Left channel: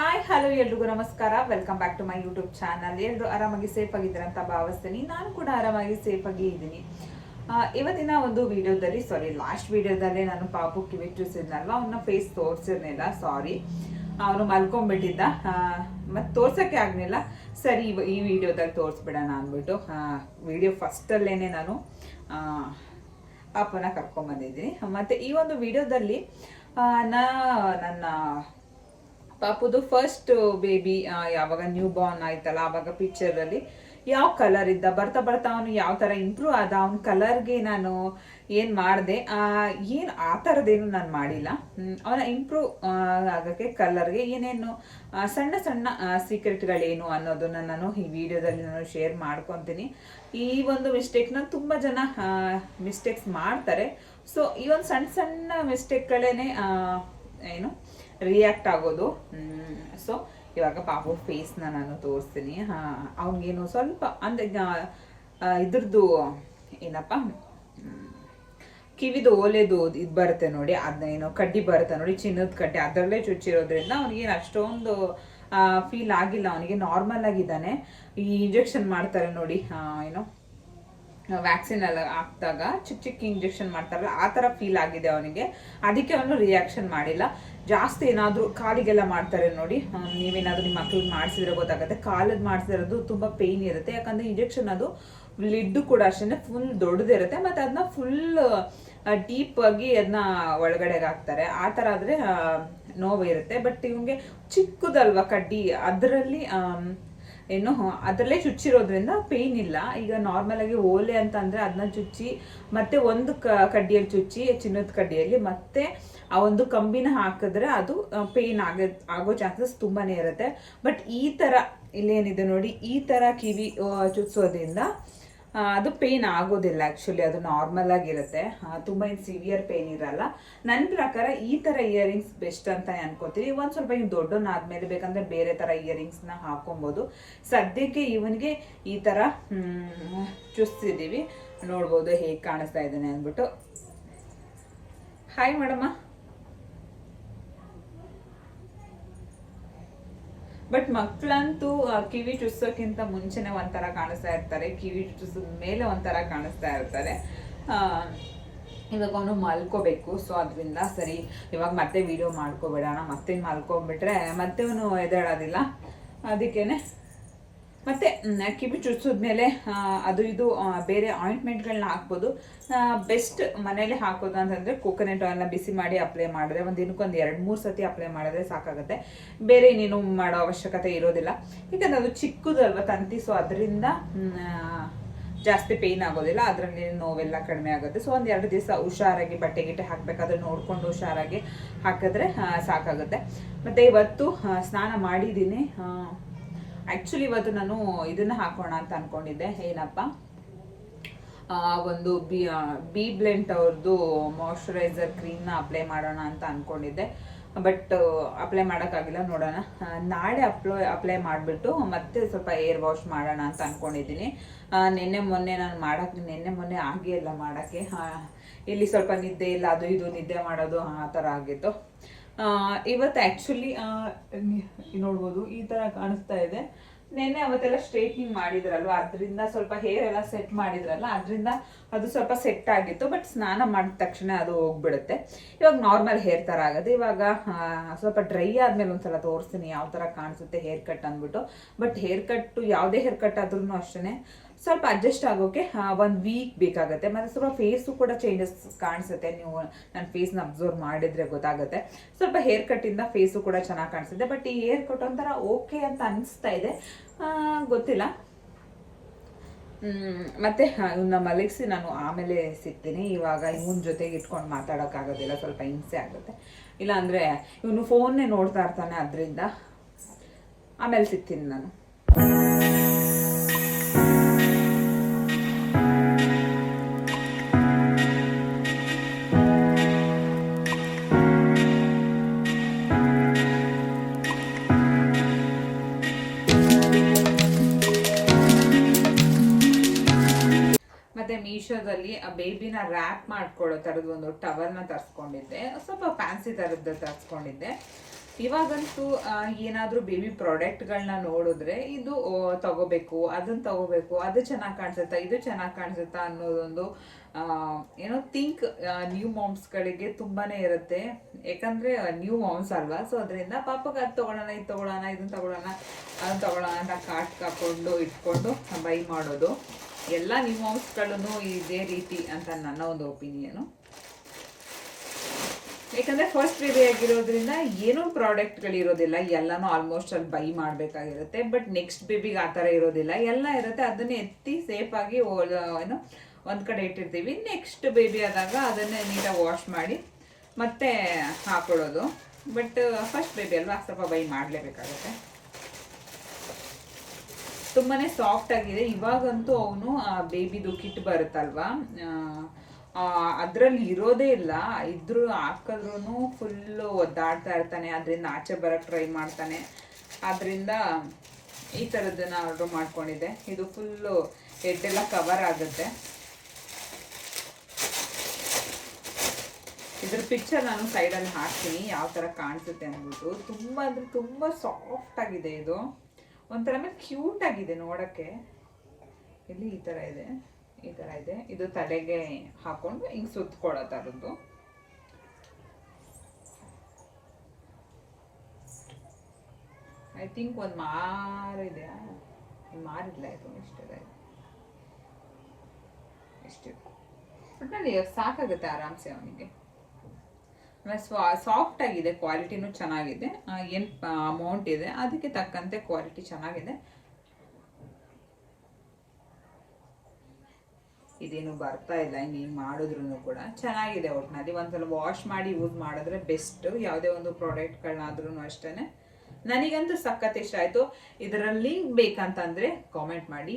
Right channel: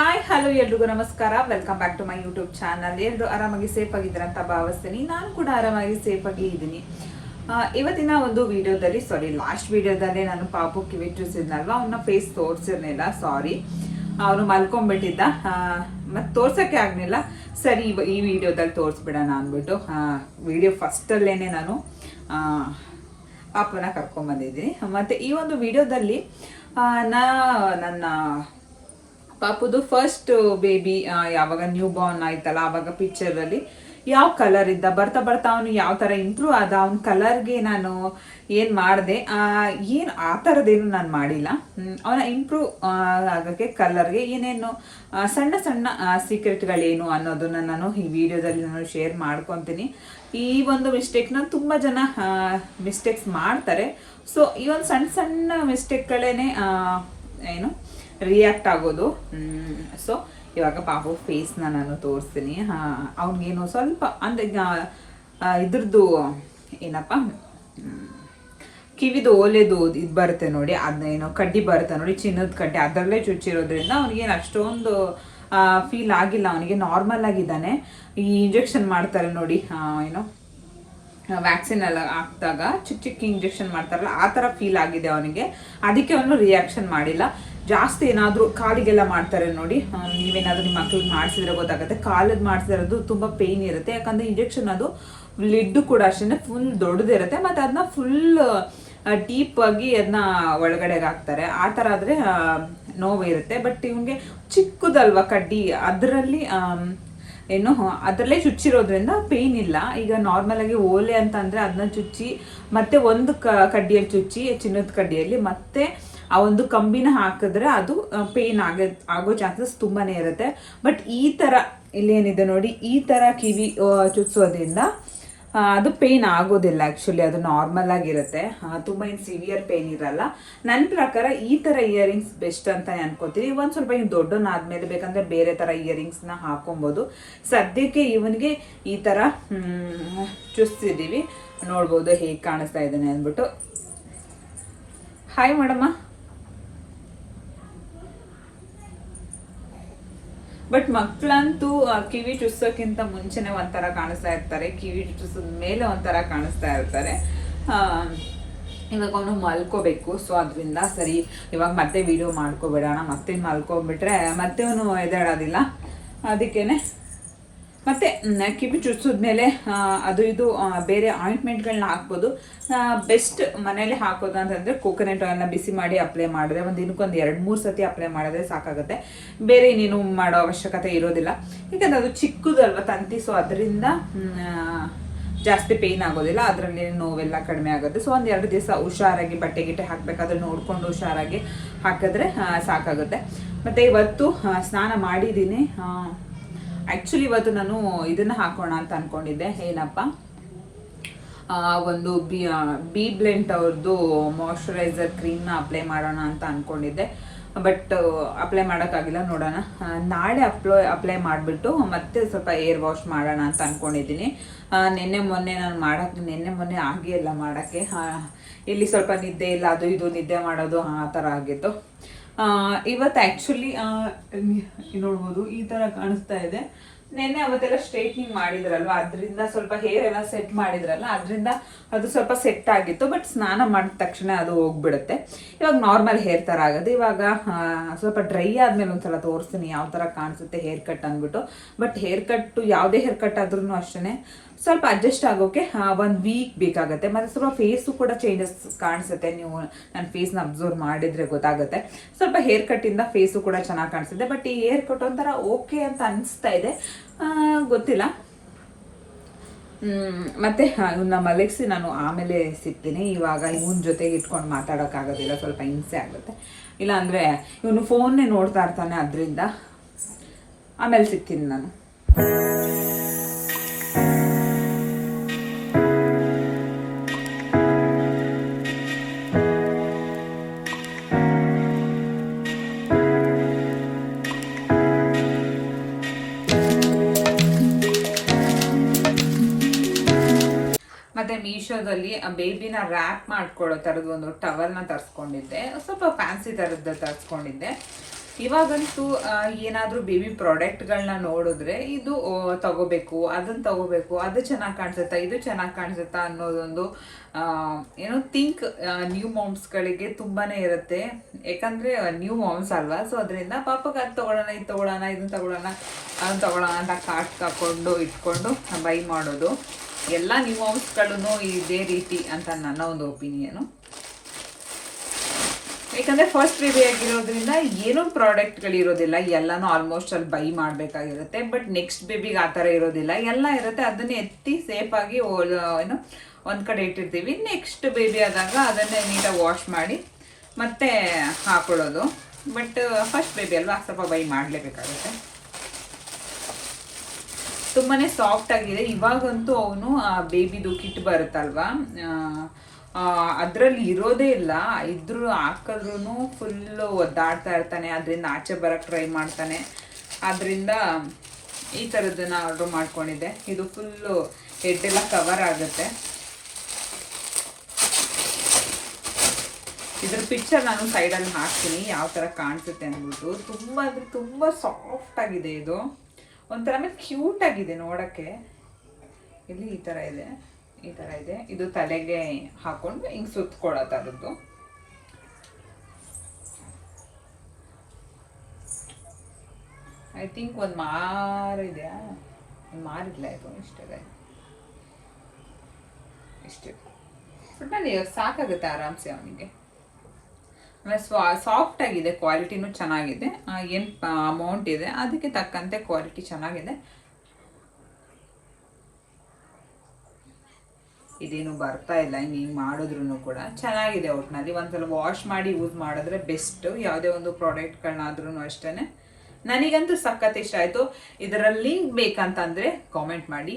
Hi hello ಎಲ್ರಿಗೂ ನಮಸ್ಕಾರ. Welcome back to my YouTube channel. ಎಲ್ಲರೂ ಆರಾಮಾಗಿ ಸೇಫ್ ಆಗಿದ್ದೀರ ಅಂತ ಭಾವಿಸ್ತೀನಿ. ನಾನು ಕೂಡ ಆರಾಮಾಗಿ ಸೇಫ್ ಆಗಿ ಇದ್ದೀನಿ. ಇವತ್ತಿನ ಒಂದು ವಿಡಿಯೋದಲ್ಲಿ ಲಾಸ್ಟ್ ವಿಡಿಯೋದಲ್ಲಿ ನಾನು ಪಾಪು ಕಿವಿ ಚೂಸಿದ್ನಲ್ವ, ಅವನ ಫೇಸ್ ತೋರಿಸಿರ್ಲಿಲ್ಲ, ಸಾರಿ. ಅವನು ಮಲ್ಕೊಂಡ್ಬಿಟ್ಟಿದ್ದ, ಮತ್ತು ತೋರ್ಸೋಕ್ಕೆ ಆಗಲಿಲ್ಲ. ಸರಿ, ಈ ವಿಡಿಯೋದಲ್ಲಿ ತೋರಿಸ್ಬಿಡೋಣ ಅಂದ್ಬಿಟ್ಟು ವಿಡಿಯೋ ಫಸ್ಟಲ್ಲೇನೆ ನಾನು ಪಾಪನ ಕರ್ಕೊಂಡ್ಬಂದಿದ್ದೀನಿ. ಮತ್ತು ಈ ಒಂದು ವಿಡಿಯೋದಲ್ಲಿ ನನ್ನ ಪಾಪುದು ಫಸ್ಟ್ ಬೇಬಿ ಯಾವಾಗ ನ್ಯೂ ಬಾರ್ನ್ ಆಯ್ತಲ್ಲ, ಆವಾಗ ಪಿಕ್ಚರಲ್ಲಿ ಯಾವ ಕಲರ್ ಇದ್ದ, ಬರ್ತಾ ಬರ್ತಾ ಅವನು ಯಾವ ಥರ ಇಂಪ್ರೂವ್ ಆದ, ಅವನ ಕಲರ್ಗೆ ನಾನು ಏನು ಮಾಡಿದೆ, ಏನು ಆ ಥರದ್ದೇನು ನಾನು ಮಾಡಿಲ್ಲ. ಅವನ ಇಂಪ್ರೂವ್ ಆಗೋಕ್ಕೆ ಕಲರ್ಗೆ ಏನೇನು ಸಣ್ಣ ಸಣ್ಣ ಸೀಕ್ರೆಟ್ಗಳೇನು ಅನ್ನೋದನ್ನು ನಾನು ಈ ವಿಡಿಯೋದಲ್ಲಿ ನಾನು ಶೇರ್ ಮಾಡ್ಕೊತೀನಿ. ಈ ಒಂದು ಮಿಸ್ಟೇಕ್ನ ತುಂಬ ಜನ ಮಿಸ್ಟೇಕ್ಸ್ ಮಾಡ್ತಾರೆ. ಸೊ ಈ ಒಂದು ಸಣ್ಣ ಸಣ್ಣ ಮಿಸ್ಟೇಕ್ಗಳೇ ಏನು ರಿಯಾಕ್ಟ್ ಆಗೋದು. ಸೊ ಇವಾಗ ಪಾಪು ಫೇಸ್ನ ನಾನು ತೋರಿಸ್ತೀನಿ. ಅವನಿಗೇನು ಸ್ವಲ್ಪ ಅಂದರೆ ಇದ್ರದ್ದು ಏನಪ್ಪ, ಕಿವಿದು ಓಲೆದು ಇದು ಬರುತ್ತೆ ನೋಡಿ, ಅದನ್ನೇನೋ ಕಡ್ಡಿ ಬರುತ್ತೆ ನೋಡಿ, ಚಿನ್ನದ ಕಡ್ಡಿ, ಅದರಲ್ಲೇ ಚುಚ್ಚಿರೋದ್ರಿಂದ ಅವನಿಗೇನು ಅಷ್ಟೊಂದು ಫೀಲ್ ಆಗಿಲ್ಲ. ಅವನಿಗೆ ನಾರ್ಮಲ್ ಆಗಿದ್ದಾನೆ. ಈ ಇಂಜೆಕ್ಷನ್ ಮಾಡ್ತಾರೆ ನೋಡಿ, ಏನೋ ವ್ಯಾಕ್ಸಿನ್ ಎಲ್ಲ ಹಾಕಿದಾಗ ಚಿಕ್ಕ ಚಿಕ್ಕ ಇಂಜೆಕ್ಷನ್ ಮಾಡ್ತಾರಲ್ಲ, ಆ ಥರ ಫೀಲ್ ಆಗಿದೆ ಅವನಿಗೆ. ಅದಕ್ಕೆ ಅವನು ರಿಯಾಕ್ಷನ್ ಮಾಡಿಲ್ಲ. ಜಾಸ್ತಿ ಏನಾದರೂ ಕಾಲಿಗೆಲ್ಲ ಮಾಡ್ತಾರೆ ನೋಡಿ, ನೀವೇನಾದರೂ ನಿಮ್ಮ ಮಕ್ಳಿಗೆ ಮಾಡಿಸಿದ್ರೆ ಗೊತ್ತಾಗುತ್ತೆ. ಕಾಲದ್ದು ಮಾಡಿಸಿರೋದು ತುಂಬ ಪೇಯ್ನ್ ಇರುತ್ತೆ, ಯಾಕಂದರೆ ಇಂಜೆಕ್ಷನ್ ಅದು ಲಿಡ್ಡು ಕೂಡ ಅಷ್ಟೇ ಫುಲ್ ದೊಡ್ಡದಿರುತ್ತೆ, ಮತ್ತು ಅದನ್ನ ಫುಲ್ ಡೀಪಾಗಿ ಅದನ್ನ ಒಳಗಡೆಗೆ ಹಾಕ್ತಾರೆ. ಆ ಥರ ಆದರೆ ನೋವು ಇರುತ್ತೆ. ಬಟ್ ಇವನಿಗೆ ಚಿಕ್ಕದಲ್ವ ಕಡ್ಡಿ, ಅದರಲ್ಲಿ ಏನು ಅದರಲ್ಲೇ ಚುಚ್ಚಿರೋದ್ರಿಂದ ಪೇಯ್ನ್ ಇಲ್ಲ. ಈಗ ನಾರ್ಮಲ್ ಆಗಿ ಓಲೆ ಅಂತ ಅಂದರೆ ಅದನ್ನ ಚುಚ್ಚಿ ಮತ್ತೆ ಒಂದು ಕಡ್ಡಿಯಲ್ಲಿ ಚುಚ್ಚಿ, ಚಿನ್ನದ ಕಡ್ಡಿಯಲ್ಲಿ ಮತ್ತೆ ಆ ಒಂದು ಕಂಬಿನ ಹಾಕಿದ್ರೆ ಅದು ಪೇಯ್ನ್ ಆಗೋ ಚಾನ್ಸಸ್ ತುಂಬಾ ಇರುತ್ತೆ. ಬಟ್ ಈ ಥರ ಇಲ್ಲೇನಿದೆ ನೋಡಿ, ಈ ಥರ ಕಿವಿ ಚುಚ್ಸೋದ್ರಿಂದ ಅದು ಪೇಯ್ನ್ ಆಗೋದಿಲ್ಲ. ಆ್ಯಕ್ಚುಲಿ ಅದು ನಾರ್ಮಲ್ ಆಗಿರುತ್ತೆ, ತುಂಬ ಏನು ಸಿವಿಯರ್ ಪೇಯ್ನ್ ಇರಲ್ಲ. ನನ್ನ ಪ್ರಕಾರ ಈ ಥರ ಇಯರಿಂಗ್ಸ್ ಬೆಸ್ಟ್ ಅಂತಲೇ ಅನ್ಕೋತೀನಿ. ಒಂದು ಸ್ವಲ್ಪ ಇನ್ನು ದೊಡ್ಡನಾದ್ಮೇಲೆ ಬೇಕಂದರೆ ಬೇರೆ ಥರ ಇಯರಿಂಗ್ಸ್ನ ಹಾಕೊಬೋದು. ಸದ್ಯಕ್ಕೆ ಇವನಿಗೆ ಈ ಥರ ಚುಚ್ತಿದ್ದೀವಿ. ನೋಡ್ಬೋದು ಹೇಗೆ ಕಾಣಿಸ್ತಾ ಇದ್ದಾನೆ ಅಂದ್ಬಿಟ್ಟು. Hi madam. ಬಟ್ ಮಕ್ಕಳಂತೂ ಕಿವಿ ಚುಚ್ಚೋಕ್ಕಿಂತ ಮುಂಚೆನೆ ಒಂಥರ ಕಾಣಿಸ್ತಾ ಇರ್ತಾರೆ, ಕಿವಿ ಚುಚ್ಚಿದ ಮೇಲೆ ಒಂಥರ ಕಾಣಿಸ್ತಾ ಇರ್ತಾರೆ. ಇವಾಗ ಅವನು ಮಲ್ಕೋಬೇಕು. ಸೊ ಅದರಿಂದ ಸರಿ ಇವಾಗ ಮತ್ತೆ ವಿಡಿಯೋ ಮಾಡ್ಕೊಬಿಡೋಣ. ಮತ್ತೆ ಮಲ್ಕೊಬಿಟ್ರೆ ಮತ್ತೆ ಅವನು ಎದ್ದೇಳೋದಿಲ್ಲ. ಅದಕ್ಕೇನೆ ಮತ್ತು ಕಿವಿ ಚುಚ್ಚಿದ್ಮೇಲೆ ಅದು ಇದು ಬೇರೆ ಆಯಿಂಟ್ಮೆಂಟ್ಗಳನ್ನ ಹಾಕ್ಬೋದು. ಬೆಸ್ಟ್ ಮನೇಲಿ ಹಾಕೋದು ಅಂತಂದರೆ ಕೋಕೋನಟ್ ಆಯಿಲ್ನ ಬಿಸಿ ಮಾಡಿ ಅಪ್ಲೈ ಮಾಡಿದ್ರೆ ಒಂದು ದಿನಕ್ಕೊಂದು 2-3 ಸತಿ ಅಪ್ಲೈ ಮಾಡಿದ್ರೆ ಸಾಕಾಗುತ್ತೆ. ಬೇರೆ ಇನ್ನೇನು ಮಾಡೋ ಅವಶ್ಯಕತೆ ಇರೋದಿಲ್ಲ, ಯಾಕಂದರೆ ಅದು ಚಿಕ್ಕದಲ್ವ ತಂತಿ. ಸೊ ಅದರಿಂದ ಜಾಸ್ತಿ ಪೇಯ್ನ್ ಆಗೋದಿಲ್ಲ, ಅದರಲ್ಲಿ ನೋವೆಲ್ಲ ಕಡಿಮೆ ಆಗುತ್ತೆ. ಸೊ ಒಂದು 2 ದಿವಸ ಹುಷಾರಾಗಿ ಬಟ್ಟೆ ಗಿಟ್ಟೆ ಹಾಕಬೇಕಾದ್ರೆ ನೋಡಿಕೊಂಡು ಹುಷಾರಾಗಿ ಹಾಕಿದ್ರೆ ಸಾಕಾಗುತ್ತೆ. ಮತ್ತು ಇವತ್ತು ಸ್ನಾನ ಮಾಡಿದ್ದೀನಿ. ಆ್ಯಕ್ಚುಲಿ ಇವತ್ತು ನಾನು ಇದನ್ನು ಹಾಕೋಣ ಅಂತ ಅಂದ್ಕೊಂಡಿದ್ದೆ. ಏನಪ್ಪ, ಒಂದು ಬಿ ಬ್ಲೆಂಟ್ ಅವ್ರದ್ದು ಮಾಯ್ಶ್ಚರೈಸರ್ ಕ್ರೀಮ್ನ ಅಪ್ಲೈ ಮಾಡೋಣ ಅಂತ ಅಂದ್ಕೊಂಡಿದ್ದೆ. ಬಟ್ ಅಪ್ಲೈ ಮಾಡೋಕ್ಕಾಗಿಲ್ಲ. ನೋಡೋಣ, ನಾಳೆ ಅಪ್ಲೈ ಮಾಡಿಬಿಟ್ಟು ಮತ್ತೆ ಸ್ವಲ್ಪ ಏರ್ ವಾಶ್ ಮಾಡೋಣ ಅಂತ ಅಂದ್ಕೊಂಡಿದ್ದೀನಿ. ನಿನ್ನೆ ಮೊನ್ನೆ ಆಗೇ ಇಲ್ಲ ಮಾಡೋಕ್ಕೆ. ಇಲ್ಲಿ ಸ್ವಲ್ಪ ನಿದ್ದೆ ಇಲ್ಲ, ಅದು ಇದು ನಿದ್ದೆ ಮಾಡೋದು ಆ ಥರ ಆಗಿತ್ತು. ಇವತ್ತು ಆ್ಯಕ್ಚುಲಿ ನೋಡ್ಬೋದು ಈ ಥರ ಕಾಣಿಸ್ತಾ ಇದೆ. ನೆನ್ನೆ ಅವತ್ತೆಲ್ಲ ಸ್ಟ್ರೈಟ್ನಿಂಗ್ ಮಾಡಿದ್ರಲ್ವ, ಅದರಿಂದ ಸ್ವಲ್ಪ ಹೇರ್ ಎಲ್ಲ ಸೆಟ್ ಮಾಡಿದ್ರಲ್ಲ, ಅದರಿಂದ ಅದು ಸ್ವಲ್ಪ ಸೆಟ್ ಆಗಿತ್ತು. ಬಟ್ ಸ್ನಾನ ಮಾಡಿದ ತಕ್ಷಣ ಅದು ಹೋಗ್ಬಿಡುತ್ತೆ. ಇವಾಗ ನಾರ್ಮಲ್ ಹೇರ್ ಥರ ಆಗೋದು. ಇವಾಗ ಸ್ವಲ್ಪ ಡ್ರೈ ಆದಮೇಲೆ ಒಂದ್ಸಲ ತೋರಿಸ್ತೀನಿ ಯಾವ ಥರ ಕಾಣಿಸುತ್ತೆ ಹೇರ್ ಕಟ್ ಅಂದ್ಬಿಟ್ಟು. ಬಟ್ ಹೇರ್ ಕಟ್ಟು ಯಾವುದೇ ಹೇರ್ ಕಟ್ ಆದ್ರೂ ಅಷ್ಟೇ ಸ್ವಲ್ಪ ಅಡ್ಜಸ್ಟ್ ಆಗೋಕ್ಕೆ 1 ವೀಕ್ ಬೇಕಾಗುತ್ತೆ. ಮತ್ತು ಸ್ವಲ್ಪ ಫೇಸು ಕೂಡ ಚೇಂಜಸ್ ಕಾಣಿಸುತ್ತೆ. ನೀವು ನನ್ನ ಫೇಸ್ನ ಅಬ್ಸರ್ವ್ ಮಾಡಿದರೆ ಗೊತ್ತಾಗುತ್ತೆ. ಸ್ವಲ್ಪ ಹೇರ್ ಕಟ್ಟಿಂದ ಫೇಸು ಕೂಡ ಚೆನ್ನಾಗಿ ಕಾಣಿಸುತ್ತೆ. ಬಟ್ ಈ ಹೇರ್ ಕಟ್ ಒಂಥರ ಓಕೆ ಅಂತ ಅನಿಸ್ತಾ ಇದೆ, ಗೊತ್ತಿಲ್ಲ. ಮತ್ತು ಇವನ್ನ ಮಲಗಿಸಿ ನಾನು ಆಮೇಲೆ ಸಿಗ್ತೀನಿ. ಇವಾಗ ಇವನ ಜೊತೆಗೆ ಇಟ್ಕೊಂಡು ಮಾತಾಡೋಕ್ಕಾಗೋದಿಲ್ಲ, ಸ್ವಲ್ಪ ಹಿಂಸೆ ಆಗುತ್ತೆ. ಇಲ್ಲಾಂದರೆ ಇವನು ಫೋನ್ನೇ ನೋಡ್ತಾ ಇರ್ತಾನೆ, ಅದರಿಂದ ಆಮೇಲೆ ಸಿಗ್ತೀನಿ ನಾನು. ಮತ್ತು ಮೀಶೋದಲ್ಲಿ ಬೇಬಿನ ರ್ಯಾಪ್ ಮಾಡ್ಕೊಳ್ಳೋ ಥರದ್ದು ಒಂದು ಟವಲ್ನ ತರಿಸ್ಕೊಂಡಿದ್ದೆ. ಸ್ವಲ್ಪ ಫ್ಯಾನ್ಸಿ ಥರದ್ದು ತರಿಸ್ಕೊಂಡಿದ್ದೆ. ಇವಾಗಂತೂ ಏನಾದರೂ ಬೇಬಿ ಪ್ರಾಡಕ್ಟ್ಗಳನ್ನ ನೋಡಿದ್ರೆ ಇದು ತಗೋಬೇಕು, ಅದನ್ನು ತಗೋಬೇಕು, ಅದು ಚೆನ್ನಾಗಿ ಕಾಣಿಸುತ್ತಾ, ಇದು ಚೆನ್ನಾಗಿ ಕಾಣಿಸುತ್ತಾ ಅನ್ನೋದೊಂದು ಏನೋ ಥಿಂಕ್ ನ್ಯೂ ಮಾಮ್ಸ್ಗಳಿಗೆ ತುಂಬಾ ಇರುತ್ತೆ. ಯಾಕಂದರೆ ನ್ಯೂ ಮಾಮ್ಸ್ ಅಲ್ವಾ, ಸೊ ಅದರಿಂದ ಪಾಪಕ್ಕೆ ಅದು ತೊಗೊಳ್ಳೋಣ, ಇದು ತೊಗೊಳ್ಳೋಣ, ಇದನ್ನು ತೊಗೊಳ್ಳೋಣ, ಅದನ್ನು ತೊಗೊಳ್ಳೋಣ ಅಂತ ಕಾರ್ಟ್ ಹಾಕ್ಕೊಂಡು ಇಟ್ಕೊಂಡು ಬೈ ಮಾಡೋದು. ಎಲ್ಲ ನ್ಯೂ ಮಾಮ್ಸ್ಗಳೂ ಇದೇ ರೀತಿ ಅಂತ ನನ್ನ ಒಂದು ಒಪಿನಿಯನು. ಯಾಕಂದರೆ ಫಸ್ಟ್ ಬೇಬಿ ಆಗಿರೋದ್ರಿಂದ ಏನೋ ಪ್ರಾಡಕ್ಟ್ಗಳಿರೋದಿಲ್ಲ, ಎಲ್ಲನೂ ಆಲ್ಮೋಸ್ಟ್ ಅಲ್ಲಿ ಬೈ ಮಾಡಬೇಕಾಗಿರುತ್ತೆ. ಬಟ್ ನೆಕ್ಸ್ಟ್ ಬೇಬಿಗೆ ಆ ಥರ ಇರೋದಿಲ್ಲ, ಎಲ್ಲ ಇರುತ್ತೆ. ಅದನ್ನೇ ಎತ್ತಿ ಸೇಫಾಗಿ ಏನು ಒಂದು ಕಡೆ ಇಟ್ಟಿರ್ತೀವಿ. ನೆಕ್ಸ್ಟ್ ಬೇಬಿ ಆದಾಗ ಅದನ್ನೇ ನೀಟಾಗಿ ವಾಶ್ ಮಾಡಿ ಮತ್ತೆ ಹಾಕೊಳ್ಳೋದು. ಬಟ್ ಫಸ್ಟ್ ಬೇಬಿ ಅಲ್ವಾ, ಸ್ವಲ್ಪ ಬೈ ಮಾಡಲೇಬೇಕಾಗುತ್ತೆ. ತುಂಬಾ ಸಾಫ್ಟ್ ಆಗಿದೆ. ಇವಾಗಂತೂ ಅವನು ಬೇಬಿದು ಕಿಟ್ ಬರುತ್ತಲ್ವಾ, ಅದರಲ್ಲಿ ಇರೋದೇ ಇಲ್ಲ. ಇದ್ರೂ ಹಾಕಿದ್ರೂ ಫುಲ್ಲು ಒದ್ದಾಡ್ತಾ ಇರ್ತಾನೆ, ಅದರಿಂದ ಆಚೆ ಬರೋಕ್ಕೆ ಟ್ರೈ ಮಾಡ್ತಾನೆ. ಆದ್ದರಿಂದ ಈ ಥರದ್ದನ್ನು ಆರ್ಡ್ರ್ ಮಾಡ್ಕೊಂಡಿದ್ದೆ. ಇದು ಫುಲ್ಲು ಹೆಡ್ಡೆಲ್ಲ ಕವರ್ ಆಗುತ್ತೆ. ಇದ್ರ ಪಿಕ್ಚರ್ ನಾನು ಸೈಡಲ್ಲಿ ಹಾಕ್ತೀನಿ ಯಾವ ಥರ ಕಾಣಿಸುತ್ತೆ ಅಂದ್ಬಿಟ್ಟು. ತುಂಬ ಅಂದರೆ ತುಂಬ ಸಾಫ್ಟ್ ಆಗಿದೆ ಇದು, ಒಂಥರ ಮೇಲೆ ಕ್ಯೂಟ್ ಆಗಿದೆ ನೋಡೋಕ್ಕೆ. ಇಲ್ಲಿ ಈ ಥರ ಇದೆ, ಈ ಥರ ಇದೆ. ಇದು ತಲೆಗೆ ಹಾಕೊಂಡು ಹಿಂಗೆ ಸುತ್ಕೊಳ್ಳೋ ಥರದ್ದು. ಐ ಥಿಂಕ್ ಒಂದು ಮಾರಿದೆಯಾ, ಮಾರಿಲ್ಲ, ಇದು ಇಷ್ಟಿದೆ, ಇಷ್ಟಿದೆ. ಬಟ್ ನಾನು ಇವಾಗ ಸಾಕಾಗುತ್ತೆ ಆರಾಮ್ಸೆ ಅವನಿಗೆ. ಆಮೇಲೆ ಸಾಫ್ಟ್ ಆಗಿದೆ, ಕ್ವಾಲಿಟಿನೂ ಚೆನ್ನಾಗಿದೆ. ಏನು ಅಮೌಂಟ್ ಇದೆ ಅದಕ್ಕೆ ತಕ್ಕಂತೆ ಕ್ವಾಲಿಟಿ ಚೆನ್ನಾಗಿದೆ. ಇದೇನು ಬರ್ತಾ ಇಲ್ಲ, ಹಿಂಗೆ ಮಾಡಿದ್ರು ಕೂಡ ಚೆನ್ನಾಗಿದೆ. ಒಟ್ಟಿನಲ್ಲಿ ಒಂದ್ಸಲ ವಾಶ್ ಮಾಡಿ ಯೂಸ್ ಮಾಡಿದ್ರೆ ಬೆಸ್ಟ್. ಯಾವುದೇ ಒಂದು ಪ್ರಾಡಕ್ಟ್ಗಳನ್ನಾದ್ರೂ ಅಷ್ಟೇ. ನನಗಂತೂ ಸಖತ್ ಇಷ್ಟ ಆಯಿತು. ಇದರ ಲಿಂಕ್ ಬೇಕಂತಂದರೆ ಕಾಮೆಂಟ್ ಮಾಡಿ.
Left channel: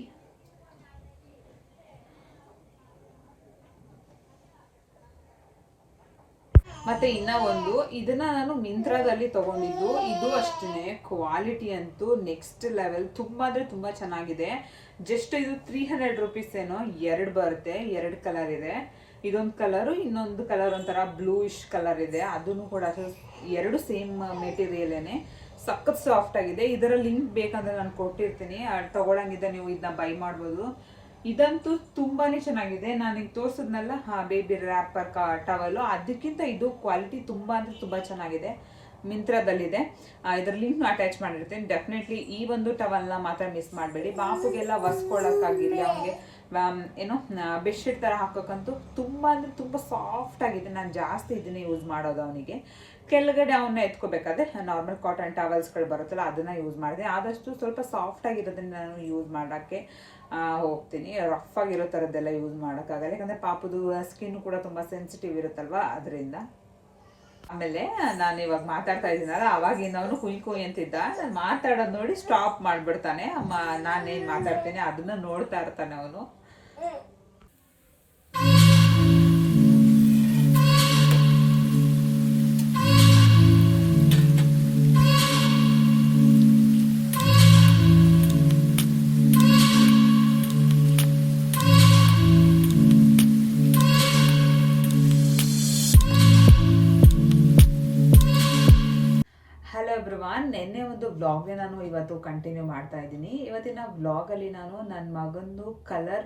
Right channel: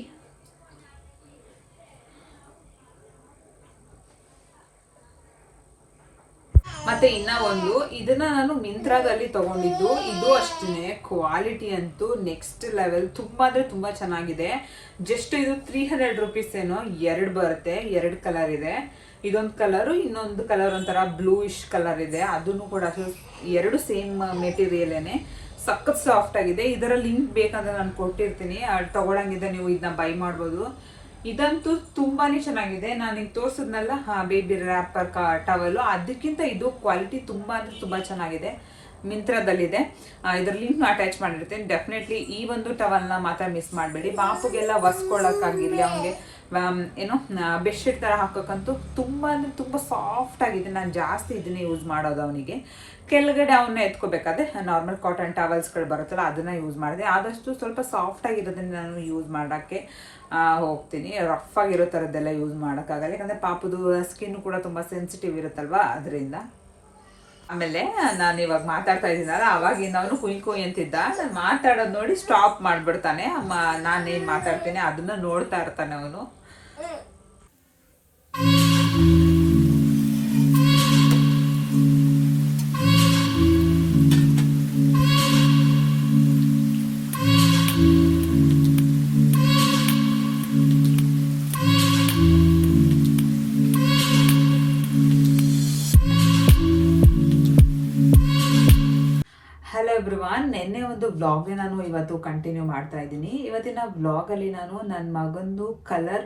ಮತ್ತು ಇನ್ನೂ ಒಂದು, ಇದನ್ನು ನಾನು ಮಿಂತ್ರಾದಲ್ಲಿ ತೊಗೊಂಡಿದ್ದು. ಇದು ಅಷ್ಟೇ ಕ್ವಾಲಿಟಿ ಅಂತೂ ನೆಕ್ಸ್ಟ್ ಲೆವೆಲ್, ತುಂಬ ಅಂದರೆ ತುಂಬ ಚೆನ್ನಾಗಿದೆ. ಜಸ್ಟ್ ಇದು 300 ರುಪೀಸ್ ಏನೋ, 2 ಬರುತ್ತೆ, 2 ಕಲರ್ ಇದೆ. ಇದೊಂದು ಕಲರು, ಇನ್ನೊಂದು ಕಲರ್ ಒಂಥರ ಬ್ಲೂಯಿಶ್ ಕಲರ್ ಇದೆ. ಅದನ್ನು ಕೂಡ 2 ಸೇಮ್ ಮೆಟೀರಿಯಲೇನೆ, ಸಖತ್ ಸಾಫ್ಟ್ ಆಗಿದೆ. ಇದರ ಲಿಂಕ್ ಬೇಕಂದ್ರೆ ನಾನು ಕೊಟ್ಟಿರ್ತೀನಿ, ತೊಗೊಳಂಗಿದ್ದ ನೀವು ಇದನ್ನ ಬೈ ಮಾಡ್ಬೋದು. ಇದಂತೂ ತುಂಬಾ ಚೆನ್ನಾಗಿದೆ. ನಾನು ಈಗ ತೋರಿಸಿದ್ನಲ್ಲ ಬೇಬಿ ರ್ಯಾಪರ್ ಟವಲು, ಅದಕ್ಕಿಂತ ಇದು ಕ್ವಾಲಿಟಿ ತುಂಬ ಅಂದರೆ ತುಂಬ ಚೆನ್ನಾಗಿದೆ. ಮಿಂತ್ರದಲ್ಲಿದೆ. ಇದರ ಲಿಂಕ್ನ ಅಟ್ಯಾಚ್ ಮಾಡಿರ್ತೀನಿ. ಡೆಫಿನೆಟ್ಲಿ ಈ ಒಂದು ಟವಲ್ನ ಮಾತ್ರ ಮಿಸ್ ಮಾಡಬೇಡಿ. ಪಾಪುಗೆಲ್ಲ ಒರೆಸ್ಕೊಳ್ಳೋಕ್ಕಾಗಿರಲಿ, ಅವನಿಗೆ ಏನೋ ಬೆಡ್ಶೀಟ್ ಥರ ಹಾಕೋಕ್ಕಂತೂ ತುಂಬ ಅಂದರೆ ತುಂಬ ಸಾಫ್ಟ್ ಆಗಿದೆ. ನಾನು ಜಾಸ್ತಿ ಇದನ್ನೇ ಯೂಸ್ ಮಾಡೋದು. ಅವನಿಗೆ ಕೆಳಗಡೆ ಅವನ್ನ ಎತ್ಕೋಬೇಕಾದ್ರೆ ನಾರ್ಮಲ್ ಕಾಟನ್ ಟವಲ್ಸ್ಗಳು ಬರುತ್ತಲ್ಲ ಅದನ್ನು ಯೂಸ್ ಮಾಡಿದೆ. ಆದಷ್ಟು ಸ್ವಲ್ಪ ಸಾಫ್ಟ್ ಆಗಿರೋದನ್ನ ನಾನು ಯೂಸ್ ಮಾಡೋಕ್ಕೆ ಹೋಗ್ತೀನಿ. ರಫ್ ಆಗಿರೋ ಥರದ್ದೆಲ್ಲ ಯೂಸ್ ಮಾಡೋಕ್ಕಾಗಲ್ಲ, ಯಾಕಂದರೆ ಪಾಪುದು ಸ್ಕಿನ್ ಕೂಡ ತುಂಬ ಸೆನ್ಸಿಟಿವ್ ಇರುತ್ತಲ್ವ, ಅದರಿಂದ. ಆಮೇಲೆ ನಾನು ಇವಾಗ ಮಾತಾಡ್ತಾ ಇದ್ದೀನಲ್ಲ, ಅವಾಗಿಂದ ಅವನು ಕುಯ್ ಅಂತಿದ್ದ. ನಾನು ಮಾತಾಡೋದು ನೋಡಿ ಸ್ಟಾಪ್ ಮಾಡಿಬಿಡ್ತಾನೆ. ನಾನೇನು ಮಾತಾಡ್ತೀನಿ ಅದನ್ನು ನೋಡ್ತಾ ಇರ್ತಾನೆ ಅವನು. ನೆನ್ನೆ ಒಂದು ವ್ಲಾಗ್ಗೆ ನಾನು ಇವತ್ತು ಕಂಟಿನ್ಯೂ ಮಾಡ್ತಾ ಇದ್ದೀನಿ. ಇವತ್ತಿನ ವ್ಲಾಗಲ್ಲಿ ನಾನು ನನ್ನ ಮಗಂದು ಕಲರ್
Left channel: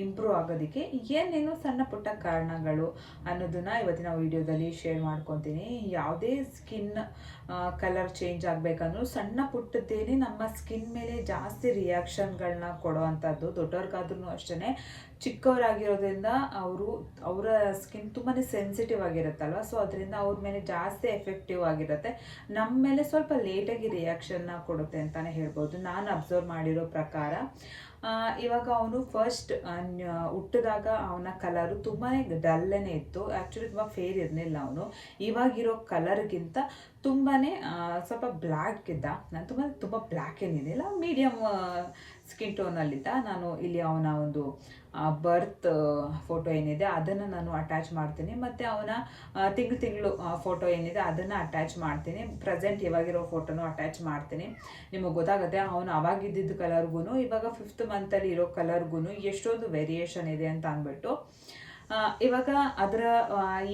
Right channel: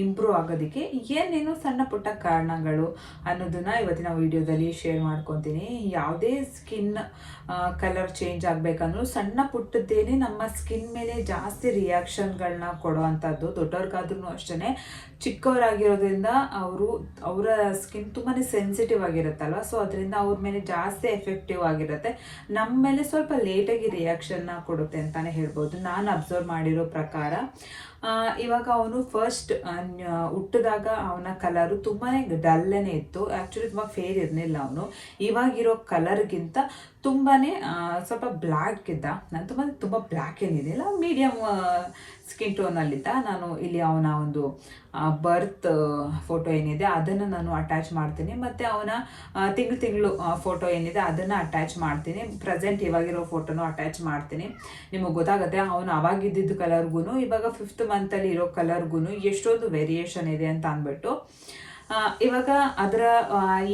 ಇಂಪ್ರೂವ್ ಆಗೋದಕ್ಕೆ ಏನೇನು ಸಣ್ಣ ಪುಟ್ಟ ಕಾರಣಗಳು ಅನ್ನೋದನ್ನು ಇವತ್ತಿನ ವಿಡಿಯೋದಲ್ಲಿ ಶೇರ್ ಮಾಡ್ಕೊತೀನಿ. ಯಾವುದೇ ಸ್ಕಿನ್ ಕಲರ್ ಚೇಂಜ್ ಆಗಬೇಕಂದ್ರೂ ಸಣ್ಣ ಪುಟ್ಟದ್ದೇನೆ ನಮ್ಮ ಸ್ಕಿನ್ ಮೇಲೆ ಜಾಸ್ತಿ ರಿಯಾಕ್ಷನ್ಗಳನ್ನ ಕೊಡೋ ಅಂಥದ್ದು. ದೊಡ್ಡವ್ರಿಗಾದ್ರೂ ಅಷ್ಟೇ, ಚಿಕ್ಕವರಾಗಿರೋದ್ರಿಂದ ಅವರ ಸ್ಕಿನ್ ತುಂಬಾ ಸೆನ್ಸಿಟಿವ್ ಆಗಿರುತ್ತಲ್ವ, ಸೊ ಅದರಿಂದ ಅವ್ರ ಮೇಲೆ ಜಾಸ್ತಿ ಎಫೆಕ್ಟಿವ್ ಆಗಿರುತ್ತೆ. ನಮ್ಮ ಮೇಲೆ ಸ್ವಲ್ಪ ಲೇಟಾಗಿ ರಿಯಾಕ್ಷನ್ನ ಕೊಡುತ್ತೆ ಅಂತಲೇ ಹೇಳ್ಬೋದು, ನಾನು ಅಬ್ಸರ್ವ್ ಮಾಡಿರೋ ಪ್ರಕಾರ. ಇವಾಗ ಅವನು ಫಸ್ಟ್ ಹುಟ್ಟಿದಾಗ ಅವನ ಕಲರು ತುಂಬಾ ಡಲ್ಲೇನೆ ಇತ್ತು. ಆ್ಯಕ್ಚುಲಿ ತುಂಬ ಫೇರ್ ಇರಲಿಲ್ಲ ಅವನು. ಇವಾಗಿರೋ ಕಲರ್ಗಿಂತ ತುಂಬಾ ಸ್ವಲ್ಪ ಬ್ಲ್ಯಾಕ್ ಇದ್ದ. ನಾನು ತುಂಬ ಬ್ಲ್ಯಾಕ್ ಏನಿದೆಯಲ್ಲ, ಮೀಡಿಯಮ್ ಸ್ಕಿನ್ ಟೋನಲ್ಲಿದ್ದ. ನಾನು ಇಲ್ಲಿ ಅವನ ಒಂದು ಬರ್ತ್ ಫೋಟೋ ಏನಿದೆ ಅದನ್ನು ನಾನು ಅಟ್ಯಾಚ್ ಮಾಡ್ತೀನಿ, ಮತ್ತು ಅವನ ತಿಂಗಳು ಫೋಟೋ ಏನಿದೆ ಅದನ್ನು ಅಟ್ಯಾಚ್ ಮಾಡ್ತೀನಿ. ಪ್ರೆಸೆಂಟ್ ಇವಾಗಿರೋ ಫೋಟೋನು ಅಟ್ಯಾಚ್ ಮಾಡ್ತೀನಿ. ನಿಮಗೆ ಗೊತ್ತಾಗುತ್ತೆ ಅವನು ಅವಾಗಿದ್ದ ಕಲರ್ಗೂ ಇವಾಗ 5th ಮಂತಲ್ಲಿ ಇರೋ ಕಲರ್ಗೂ ಎಷ್ಟೊಂದು ವೇರಿಯೇಷನ್ ಇದೆ ಅಂತ ಅಂದ್ಬಿಟ್ಟು. ಇವಾಗ ಅದರ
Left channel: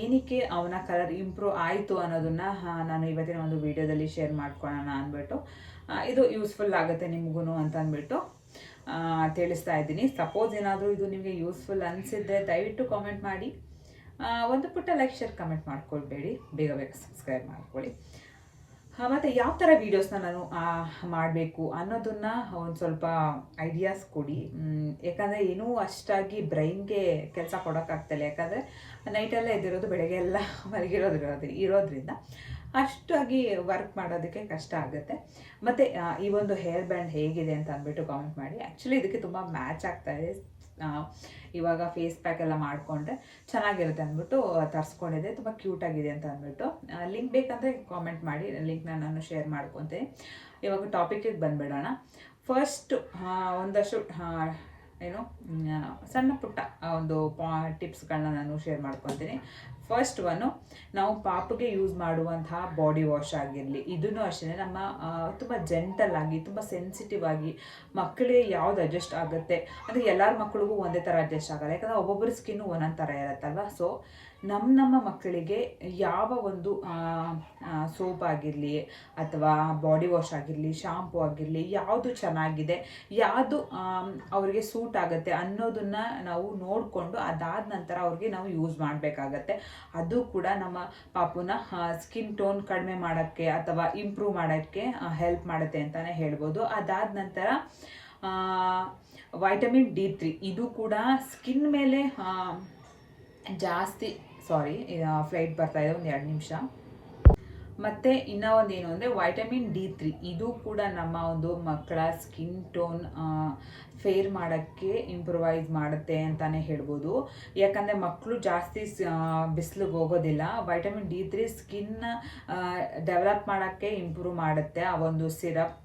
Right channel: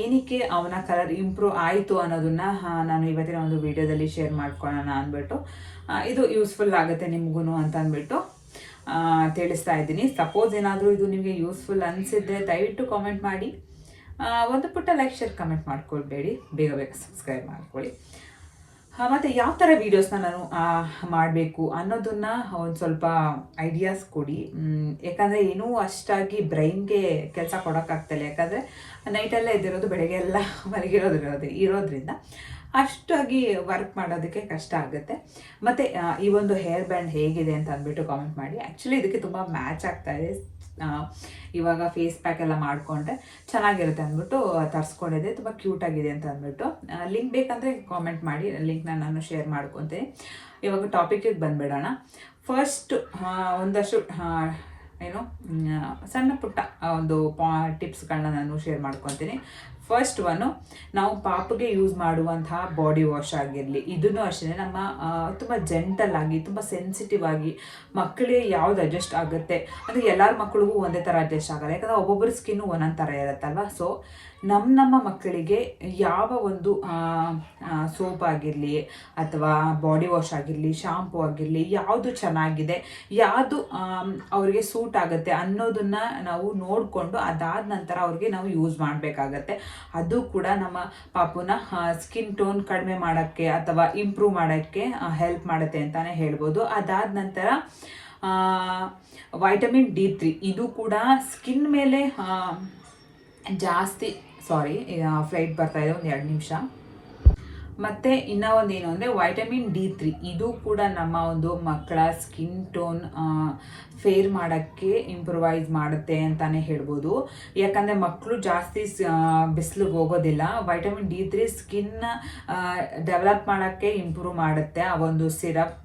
ಏನಕ್ಕೆ ಅವನ ಕಲರ್ ಇಂಪ್ರೂವ್ ಆಯಿತು ಅನ್ನೋದನ್ನ ನಾನು ಇವತ್ತಿನ ಒಂದು ವಿಡಿಯೋದಲ್ಲಿ ಶೇರ್ ಮಾಡ್ಕೊಳ್ಳೋಣ ಅಂದ್ಬಿಟ್ಟು, ಇದು ಯೂಸ್ಫುಲ್ ಆಗುತ್ತೆ ನಿಮಗೂ ಅಂತ ಅಂದ್ಬಿಟ್ಟು ತಿಳಿಸ್ತಾ ಇದ್ದೀನಿ. ಸಪೋಸ್ ಏನಾದರೂ ಇದು ನಿಮಗೆ ಯೂಸ್ಫುಲ್ ಅನಿಸಿದ್ರೆ ದಯವಿಟ್ಟು ಕಾಮೆಂಟ್ ಮಾಡಿ. ಒಂದು ಪುಟ್ಟ ಲೈಕ್ ಶೇರ್ ಕಮೆಂಟ್ ಮಾಡ್ಕೊಳ್ಬೇಡಿ, ಬೇಗ ಬೇಗ ಸಬ್ಸ್ಕ್ರೈಬ್ ಮಾಡ್ಕೊಳ್ಳಿ. ಮತ್ತು ಯಾವ ಥರ ವೀಡಿಯೋಸ್ನ ನಾನು ಮಾಡಬೇಕು ಅನ್ನೋದನ್ನ ಒಂದು ಸ್ವಲ್ಪ ಐಡಿಯಾಸ್ ಕೊಡಿ. ಯಾಕಂದರೆ ಏನೂ ಅಷ್ಟಾಗಿ ಬ್ರೈನ್ಗೆ ಕೆಲಸ ಕೊಡೋಕ್ಕಾಗ್ತಿಲ್ಲ, ಯಾಕಂದರೆ ನೈಟೆಲ್ಲ ಎದ್ದಿರೋದು, ಬೆಳಗ್ಗೆ ಎಲ್ಲ ಇರೋದ್ರಿಂದ ಅಷ್ಟಾಗಿ ವರ್ಕ್ ಮಾಡೋದಕ್ಕೆ ಕಷ್ಟ ಆಗುತ್ತೆ. ಮತ್ತು ಈ ಒಂದು ಹೇರ್ ಬ್ಯಾಂಡ್ ಹೇಗಿದೆ ಅಂತ ಅಂದ್ಬಿಟ್ಟು ಕಾಮೆಂಟ್ ಮಾಡಿ. ಆ್ಯಕ್ಚುಲಿ ಇದಕ್ಕೆ ತುಂಬ ಮ್ಯಾಚ್ ಆಗ್ತಾಯಿದೆ. ಇವಾಗ ಫೇಸ್ ಪ್ಯಾಕ್ ಎಲ್ಲ ಮಾಡಿಕೊಂಡ್ರೆ ಚೆನ್ನಾಗಿರುತ್ತೆ ಅಂದ್ಬಿಟ್ಟು ತರಿಸ್ಕೊಂಡಿದ್ದೆ, ತುಂಬ ಕ್ಯೂಟಾಗಿದೆ ಅಂತ ಅಂದ್ಬಿಟ್ಟು. ಲಿಂಕ್ ಬೇಕಂದರೆ ಕಾಮೆಂಟ್ ಮಾಡಿ, ಲಿಂಕ್ನ ನಾನು ಶೇರ್ ಮಾಡ್ಕೊತೀನಿ. ಇವಾಗ ಟಾಪಿಕ್ಕಿಗೆ ಬಂದುಬಿಡೋಣ. ಫಸ್ಟ್ ಒಂದಷ್ಟು ಸಣ್ಣ ಪುಟ್ಟ ಒಂದು ಟಿಪ್ಸ್ಗಳನ್ನ ನಾನು ಶೇರ್ ಮಾಡ್ಕೊತೀನಿ. ಫಸ್ಟ್ ಒನ್ನು, ನಾವು ಪಾಪಗೆ ಯೂಸ್ ಮಾಡುವಂತಹ ಬಾಡಿ ವಾಶ್ ಆಗಿರಲಿ, ಇದನ್ನು ಅಷ್ಟೇ ನಮ್ಮ ತುಂಬ ಜೆಂಟಲ್ ಆಗಿ, ತುಂಬ ಸೆನ್ಸಿಟಿವ್ ಆಗಿ, ಮಕ್ಕಳಿಗೆ ಯಾವ್ದು ಅಡ್ಜಸ್ಟ್ ಆಗುತ್ತೆ ಅಂದರೆ ಎಲ್ಲರ ಮಕ್ಕಳಿಗೂ ಒಂದೇ ಥರ ಅಡ್ಜಸ್ಟ್ ಆಗಲ್ಲ, ಯಾಕಂದರೆ ಒಬ್ಬೊಬ್ಬರ ಸ್ಕಿನ್ನು ಒಂದೊಂದು ಥರ ಇರುತ್ತಲ್ವ. ಸೊ ನಮ್ಮ ಮಕ್ಕಳಿಗೆ ಯಾವ ಒಂದು ಸೋಪ್ ಆಗಿರಲಿ ಅಥವಾ ಬಾಡಿ ವಾಶ್ ಆಗಿರಲಿ, ಶಾಂಪೂ ಆಗಿರಲಿ, ಯಾವುದು ಚೆನ್ನಾಗಿದೆ, ಯಾವುದು ಅವರಿಗೆ ಸೂಟ್ ಆಗುತ್ತೆ ಅನ್ನೋದನ್ನು ನಾವು ನೋಡಿಕೊಂಡು ಅದಾದ ನಂತರ ಅವ್ರಿಗೆ ನಾವು ಯೂಸ್ ಮಾಡಬೇಕಾಗತ್ತೆ. ಅದು ಕೂಡ ನಮ್ಮ ಪಾಪುನ ಸ್ಕಿನ್ ಟೋನ್ ಕಡಿಮೆ ಮಾಡೋಕ್ಕೆ ಅಥವಾ ಇಂಪ್ರೂವ್ ಮಾಡೋಕ್ಕೆ ಹೆಲ್ಪ್ ಮಾಡುತ್ತೆ ಅಂತಲೇ ಹೇಳ್ಬೋದು. ಅದಾದ ನಂತರ ವೈಟಮಿನ್ D3, ಇದು ಕೂಡ ಸ್ಕಿನ್ ಮೇಲೆ ಜಾಸ್ತಿ ಫ್ಲೈಟ್ ಬರ್ತಾ ಇದೆ, ಒಂದು 2 ನಿಮಿಷ. ಮತ್ತು ಇನ್ನೂ ಒಂದು ಏನು ಅಂದರೆ ವೈಟಮಿನ್ D3, ಇದು ಕೂಡ ನಮ್ಮ ಒಂದು ಮಕ್ಕಳ ಸ್ಕಿನ್ ಟೋನ್ ಫೇರ್ ಮಾಡೋಕ್ಕೆ ಇಂಪ್ರೂವೈಸ್ ಮಾಡುತ್ತೆ ಅಂತಲೇ ಹೇಳ್ಬೋದು. ಯಾಕಂದರೆ ಮಕ್ಕಳು ಜಾಸ್ತಿ ಬಿಸಿಲಿಗೆ ಹೋಗೋದಿಲ್ಲ. ವೈಟಮಿನ್ D3 ಸ್ಕಿನ್ನ ಡೆವಲಪ್ ಮಾಡೋಕ್ಕೆ ಇಂಪ್ರೂವ್ ಮಾಡುತ್ತೆ. ಆ ಒಂದು ಸಿರಪ್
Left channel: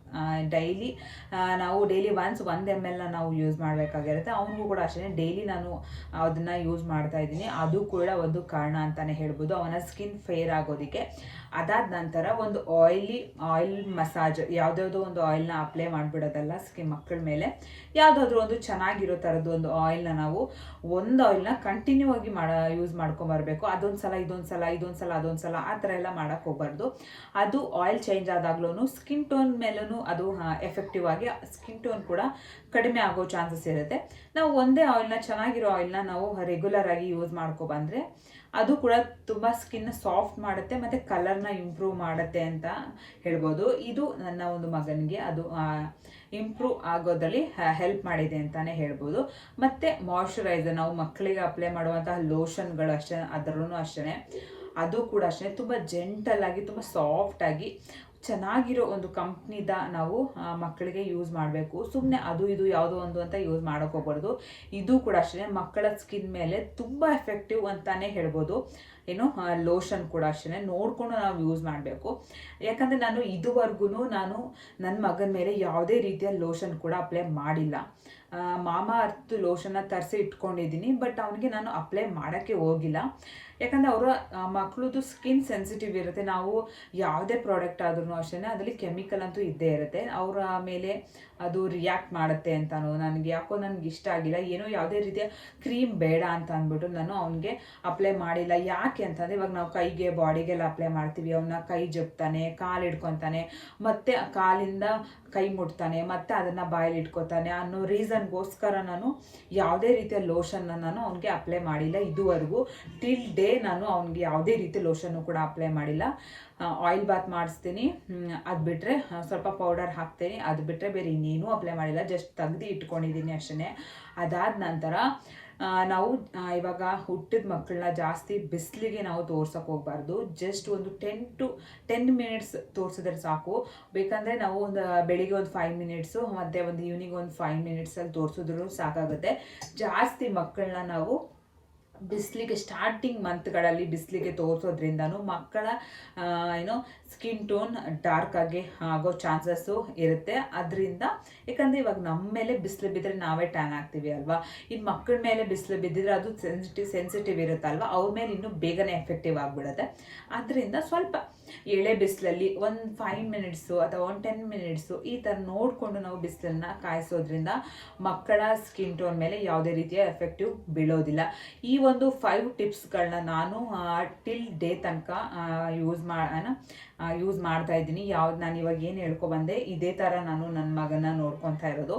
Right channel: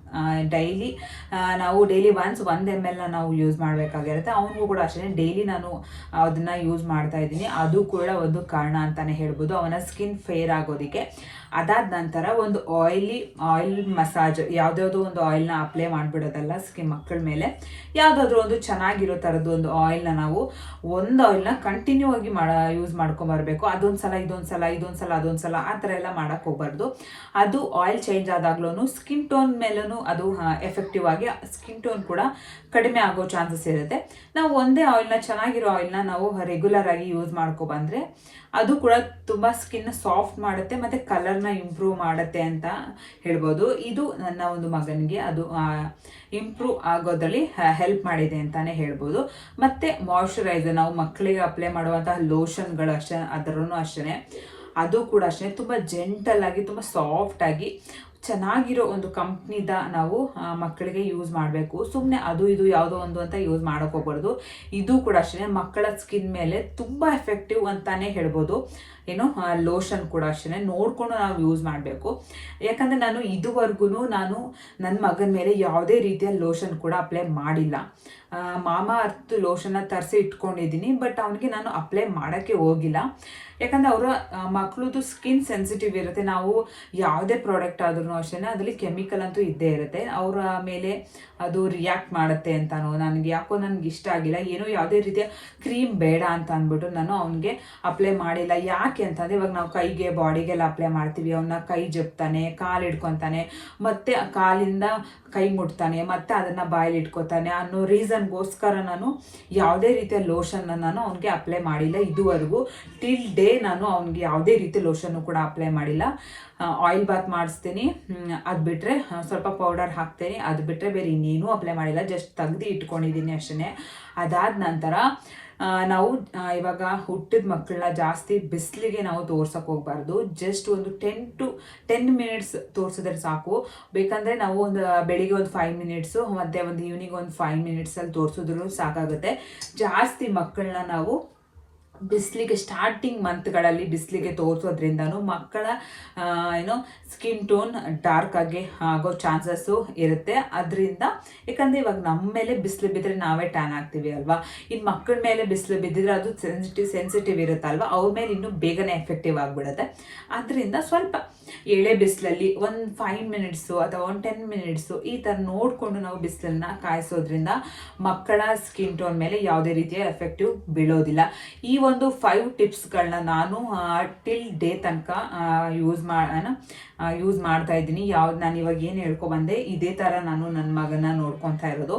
ನಾವು ಡೈಲಿ 1 ml ನಾವು ಯೂಸ್ ಮಾಡಬೇಕಾಗಿರುತ್ತೆ. ಅವನಿಗೂ ಕೂಡ ಅಷ್ಟೇ ಡೈಲಿ ನಾನು ಅದನ್ನು ಯೂಸ್ ಮಾಡ್ತಾ ಇದ್ದೀನಿ. ಅದು ಕೂಡ ಒಂದು ಕಾರಣ ಅಂತಲೇ ಹೇಳ್ಬೋದು ಅವನ ಸ್ಕಿನ್ ಫೇರ್ ಆಗೋದಕ್ಕೆ. ಅದಾದ ನಂತರ ಒಂದು ಆಯಿಲ್ ಮಸಾಜ್, ಯಾವುದಾದ್ರು ಒಂದು ಆಯಿಲ್ನ ಅಪ್ಲೈ ಮಾಡಿಬಿಡೋದಲ್ಲ ಸ್ಕಿನ್ ಮಕ್ಕಳ ಮೇಲೆ. ಯಾವುದಾದ್ರೂ ಒಂದು ಚೆನ್ನಾಗಿರೋ ಥರದ್ದು ಒಂದು ಆಯಿಲ್ನ ನಾವು ಒಂದು ಆಯಿಲ್ನ ಕಂಟಿನ್ಯೂ ಆಗಿ ಯೂಸ್ ಮಾಡ್ಕೊಂಬರ್ಬೇಕು. ಅದೊಂದು ಸಲ ಅದೊಂದು ಸಲ ಆ ಥರ ಎಲ್ಲ ಮಾಡೋಕ್ಕೆ ಹೋಗ್ಬಾರ್ದು. ಅದು ಆಯಿಲ್ ಚೇಂಜ್ ಆದಾಗ್ಲೂ ಸ್ಕಿನ್ ಟೋನ್ ಮೇಲೂ ಅದು ಎಫೆಕ್ಟಿವ್ ಆಗಿ ಸ್ಕಿನ್ ಟೋನ್ ಕೂಡ ಕಡಿಮೆ ಆಗೋ ಚಾನ್ಸಸ್ ಇರುತ್ತೆ. ನಾವು ಒಂದೇ ಆಯಿಲ್ನ, ಚೆನ್ನಾಗಿರೋ ಆಯಿಲ್ನ ನಾವು ರೆಗ್ಯುಲರ್ ಆಗಿ ಯೂಸ್ ಮಾಡ್ಕೊಬಂದರೆ ಅದು ಕೂಡ ತುಂಬ ಸ್ಕಿನ್ನ ಸಾಫ್ಟ್ ಮಾಡುತ್ತೆ ಮತ್ತು ಕಲರ್ನ ಇಂಪ್ರೂವ್ ಮಾಡುತ್ತೆ ಅಂತ ಹೇಳ್ಬೋದು. ಇದು ನನ್ನ ಒಂದು ಮಗನಿಗೆ ಅದು ಇಂಪ್ರೂವ್ ಆಗೋದ್ರಲ್ಲಿ ಹೆಲ್ಪ್ ಮಾಡಿದೆ ಅಂತಲೇ ಹೇಳ್ಬೋದು. ಮತ್ತು ಮಾಯ್ಶ್ಚರೈಸರ್, ನಾವು ಮಕ್ಕಳಿಗೆ ಅಪ್ಲೈ ಮಾಡುವಂತಹ ಲೋಷನ್ಗಳು ಅಷ್ಟೇ, ಅದರೂ ಅಷ್ಟೇ, ಅದು ಕೂಡ ಅಷ್ಟೇ ತುಂಬ ಜೆಂಟಲಾಗಿ, ತುಂಬ ಸಾಫ್ಟಾಗಿ, ಚೆನ್ನಾಗಿರೋ ಒಂದು ಕಂಪ್ನಿದ ನಾವು ಮಕ್ಕಳಿಗೆ ಯೂಸ್ ಮಾಡಬೇಕು. ಸುಮ್ಮನೆ ಅದು ಇದು ಯಾವುದೋ ಒಂದು ಅಂತ ಯೂಸ್ ಮಾಡೋಕ್ಕೆ ಹೋಗ್ಬಾರ್ದು. ಇದು ಕೂಡ ಅಷ್ಟೇ ಮಕ್ಕಳ ಸ್ಕಿನ್ ಮೇಲೆ ತುಂಬ ಎಫೆಕ್ಟಿವ್ ಅಂತಲೇ ಹೇಳ್ಬೋದು. ಲೋಷನ್ ಕೂಡ ಅಷ್ಟೇ ನೋಡಿಕೊಂಡು ನಾವು ಯೂಸ್ ಮಾಡಬೇಕು. ಯಾಕಂದರೆ ನಾನು ಇದುವರೆಗೂ ನನ್ನ ಮಗನ ಮೇಲೆ ಯಾವುದೇ ರೀತಿಯ ಲೋಷನ್ ಕೂಡ ಅಪ್ಲೈ ಮಾಡಿಲ್ಲ. ಮಾಮಾ ಅರ್ತ್ ಲೋಷನ್ನ ತರಿಸಿ ಇಟ್ಕೊಂಡಿದ್ದೀನಿ, ಬಟ್ ಅವನಿಗೆ ನಾನು ಅಪ್ಲೈ ಮಾಡೋಕ್ಕೆ ಹೋಗಿಲ್ಲ. ಯಾಕಂದರೆ ಅವರ ಮಕ್ಕಳದು ಸ್ಕಿನ್ ಸೆನ್ಸಿಟಿವ್ ಇರುತ್ತೆ. ನಾವು ಯಾವುದೇ ಪ್ರಾಡಕ್ಟ್ ಆದ್ರೂ ಅಷ್ಟೇ ಅದರಲ್ಲಿ ಕೆಮಿಕಲ್ ಅಂತೂ ಇದ್ದೇ ಇರುತ್ತೆ. ಅವರ ಮೇಲೆ ಅದು ರಿಯಾಕ್ಟ್ ಮಾಡುತ್ತೆ ಅಂತನೋ, ನನಗೆ ಇಷ್ಟ ಆಗಿಲ್ಲ, ಏನೋ ಯಾವುದೇ ರೀತಿಯ ಕ್ರೀಮ್ ಬೇಡ ಅಂತ ಅಂದ್ಬಿಟ್ಟು ನಾನು ಅವನಿಗೆ ಅಪ್ಲೈ ಮಾಡಿಲ್ಲ. ಯಾಕೆ ಅಂತಂದರೆ ಇವಾಗ ನಾವು ಕೈಗೆ ಬಾಡಿಗೆಲ್ಲ ಅಪ್ಲೈ ಮಾಡ್ತೀವಿ, ಅವನ್ನ ಕೈ ಜಪ್ತಾನೆ, ಕಾಲು ಹಿಡ್ಕೊತಾನೆ, ಮತ್ತು ಕಾಲಿಂದ ಕೈ ಮುಟ್ತಾನೆ, ಮತ್ತು ಅದನ್ನು ಬಾಯಲ್ಲಿ ಇಟ್ಕೊತಾನೆ ಅನ್ನೋ ರೀಸನ್ಗೋಸ್ಕರ ನಾನು ಯಾವುದೇ ರೀತಿಯ ಲೋಷನ್ನ ನಾನು ಅವನಿಗೆ ಅಪ್ಲೈ ಮಾಡಿಲ್ಲ ಇದುವರೆಗೂ. ಟಿಲ್ ಡೇ ನಾನು ಅವನಿಗೆ ಯಾವುದೇ ರೀತಿ ಲೋಷನ್ನು ಕೂಡ ಅಪ್ಲೈ ಮಾಡಿಲ್ಲ. ಆಯಿಲ್ ಬಾತ್ ಮಾಡಿಸ್ತೀನಿ, ಅದು ಬಿಟ್ಟರೆ ಸ್ವಲ್ಪ ಪೌಡರ್ ಹಾಕ್ತೀನಿ, ಅದು ಬಿಟ್ಟರೆ ಬೇರೆ ಇನ್ನೇನೂ ಅಪ್ಲೈ ಮಾಡಿಲ್ಲ. ಜಸ್ಟ್ ತೆಗ್ದು ಇಟ್ಕೊಂಡಿದ್ದೀನಿ ಅಷ್ಟೇ. ಅದಾದ ನಂತರ ನಾವು ಇವಾಗ ಹುಟ್ಟಿದ ಮಕ್ಕಳನ್ನ ಜಾಸ್ತಿ ಬಿಸಿಲಿಗೆ ನಾವು ತೋರ್ಸೋಕೆ ಹೋಗ್ಬಾರ್ದು. ಜಸ್ಟ್ ಒಂದು 10 ಮಿನಿಟ್ಸ್ ತೋರಿಸಿದ್ರೆ ಸಾಕು. ಬೇಕಂದರೆ ನಾವು ಒಂದು ಬೆಳಿಗ್ಗೆ ಒಂದು 5 ಮಿನಿಟ್ಸು ಮತ್ತು ಒಂದು ಈವ್ನಿಂಗ್ ಒಂದು 5 ಮಿನಿಟ್ಸಲ್ಲಿ ತೋರಿಸಿದ್ರು ಸಾಕಾಗುತ್ತೆ. ಜಾಸ್ತಿ ಮಕ್ಕಳನ್ನ ನಾವು ಬಿಸಿಲಿಗೆ ಸ್ಟಾರ್ಟಿಂಗ್ ಮಂತ್ಗಳಲ್ಲಿ ಬಿಸಿಲಿಗೆ ತೋರಿಸೋದ್ರಿಂದನೂ ಮಕ್ಕಳ ಸ್ಕಿನ್ ಟೋನ್ ಡಾರ್ಕ್ ಆಗಿ ಆಗೋ ಚಾನ್ಸಸ್ಸು ಇರುತ್ತೆ. ಅದರಿಂದ ಯಾಕಂದರೆ ಇವಾಗ ನಮ್ಮ ಮೇಲೆ ಬಿಸಿಲು ಬಿದ್ದರೆ ನಾವೇ ಟ್ಯಾನ್ ಆಗ್ತೀವಿ ಅಲ್ವಾ. ಇನ್ನು ಮಕ್ಕಳ ಮೇಲೆ ಬಿಸಿಲು ಬಿದ್ದಿದ್ರೆ ಅದು ಸೆನ್ಸಿಟಿವ್ ಇರುತ್ತಲ್ವ, ಅವ್ರ ಮೇಲೆ ಇನ್ನೂ ಬೇಗನೆ ಎಫೆಕ್ಟಿವ್ ಆಗಿಬಿಡುತ್ತೆ. ಅದರಿಂದ ಸ್ವಲ್ಪ ಎಳೆ ಬಿಸಿಲಲ್ಲಿ ಒಂದು 5 ಮಿನಿಟ್ಸು ಅಥವಾ ಒಂದು 10 ಮಿನಿಟ್ಸು ಈ ಥರ ನೋಡಿಕೊಂಡು ನಾವು ಬಿಸಿಲನ್ನ ಕಾಯಿಸೋದ್ರಿಂದ ಮಕ್ಕಳ ಸ್ಕಿನ್ ಟೋನ್ ಮೇಲೆ ಯಾವುದೇ ರೀತಿಯ ಎಫೆಕ್ಟಿವ್ ಬೀಳೋದಿಲ್ಲ. ಈ ಒಂದು 5 ಟಿಪ್ಸ್ಗಳನ್ನ ನಾನು ಟಿಲ್ ಡೇ ತನಕ ಯೂಸ್ ಮಾಡ್ತಾ ಇದ್ದೀನಿ. ಯಾವ್ದು ನಾನು ಇವಾಗ ಏನು ಹೇಳ್ಕೊಬಂದೆ ಇದೇ ಥರ ನಾನು ನನ್ನ ಮಗನ ನೋಡ್ಕೊತಾ ಇರೋದು.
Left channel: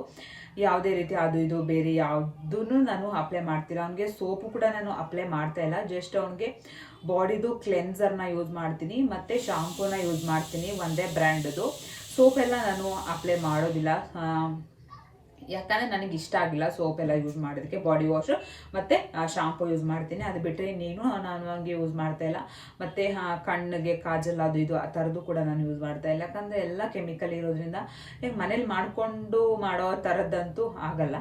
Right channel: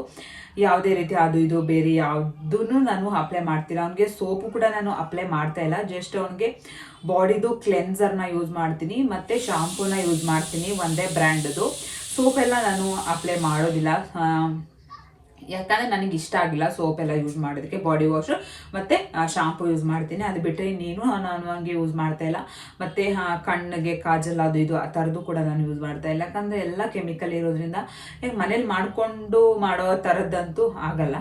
ಯಾವುದೇ ರೀತಿ ಅದು ಇದು ಬೇರೆ ಯಾವುದೂ ನಾನು ಅಪ್ಲೈ ಮಾಡ್ತಿಲ್ಲ. ಅವನಿಗೆ ಸೋಪು ಕೂಡ ನಾನು ಅಪ್ಲೈ ಮಾಡ್ತಾ ಇಲ್ಲ. ಜಸ್ಟ್ ಅವನಿಗೆ ಬಾಡಿದು ಕ್ಲೆನ್ಸರ್ನ ಯೂಸ್ ಮಾಡ್ತೀನಿ ಮತ್ತು ಶಾಂಪೂನ ಯೂಸ್ ಮಾಡ್ತೀನಿ, ಒಂದೇ ಬ್ರ್ಯಾಂಡದು. ಸೋಪೆಲ್ಲ ನಾನು ಅಪ್ಲೈ ಮಾಡೋದಿಲ್ಲ, ಯಾಕಂದರೆ ನನಗೆ ಇಷ್ಟ ಆಗಿಲ್ಲ ಸೋಪ್ ಎಲ್ಲ ಯೂಸ್ ಮಾಡೋದಕ್ಕೆ. ಬಾಡಿ ವಾಶ್ ಮತ್ತು ಶಾಂಪು ಯೂಸ್ ಮಾಡ್ತೀನಿ. ಅದು ಬಿಟ್ಟರೆ ನಾನು ಹಂಗೆ ಯೂಸ್ ಮಾಡ್ತಾ ಇಲ್ಲ. ಮತ್ತು ಕಣ್ಣಿಗೆ ಕಾಜಲ್ ಅದು ಇದು ಆ ಥರದ್ದು ಕೂಡ ನಾನು ಯೂಸ್ ಮಾಡ್ತಾ ಇಲ್ಲ, ಯಾಕಂದರೆ ಎಲ್ಲ ಕೆಮಿಕಲ್ ಇರೋದ್ರಿಂದ ಈಗ ಮನೇಲಿ ಮಾಡಿಕೊಂಡು ಮಾಡೋ ಥರದ್ದಂತೂ ಆಗಲ್ಲ.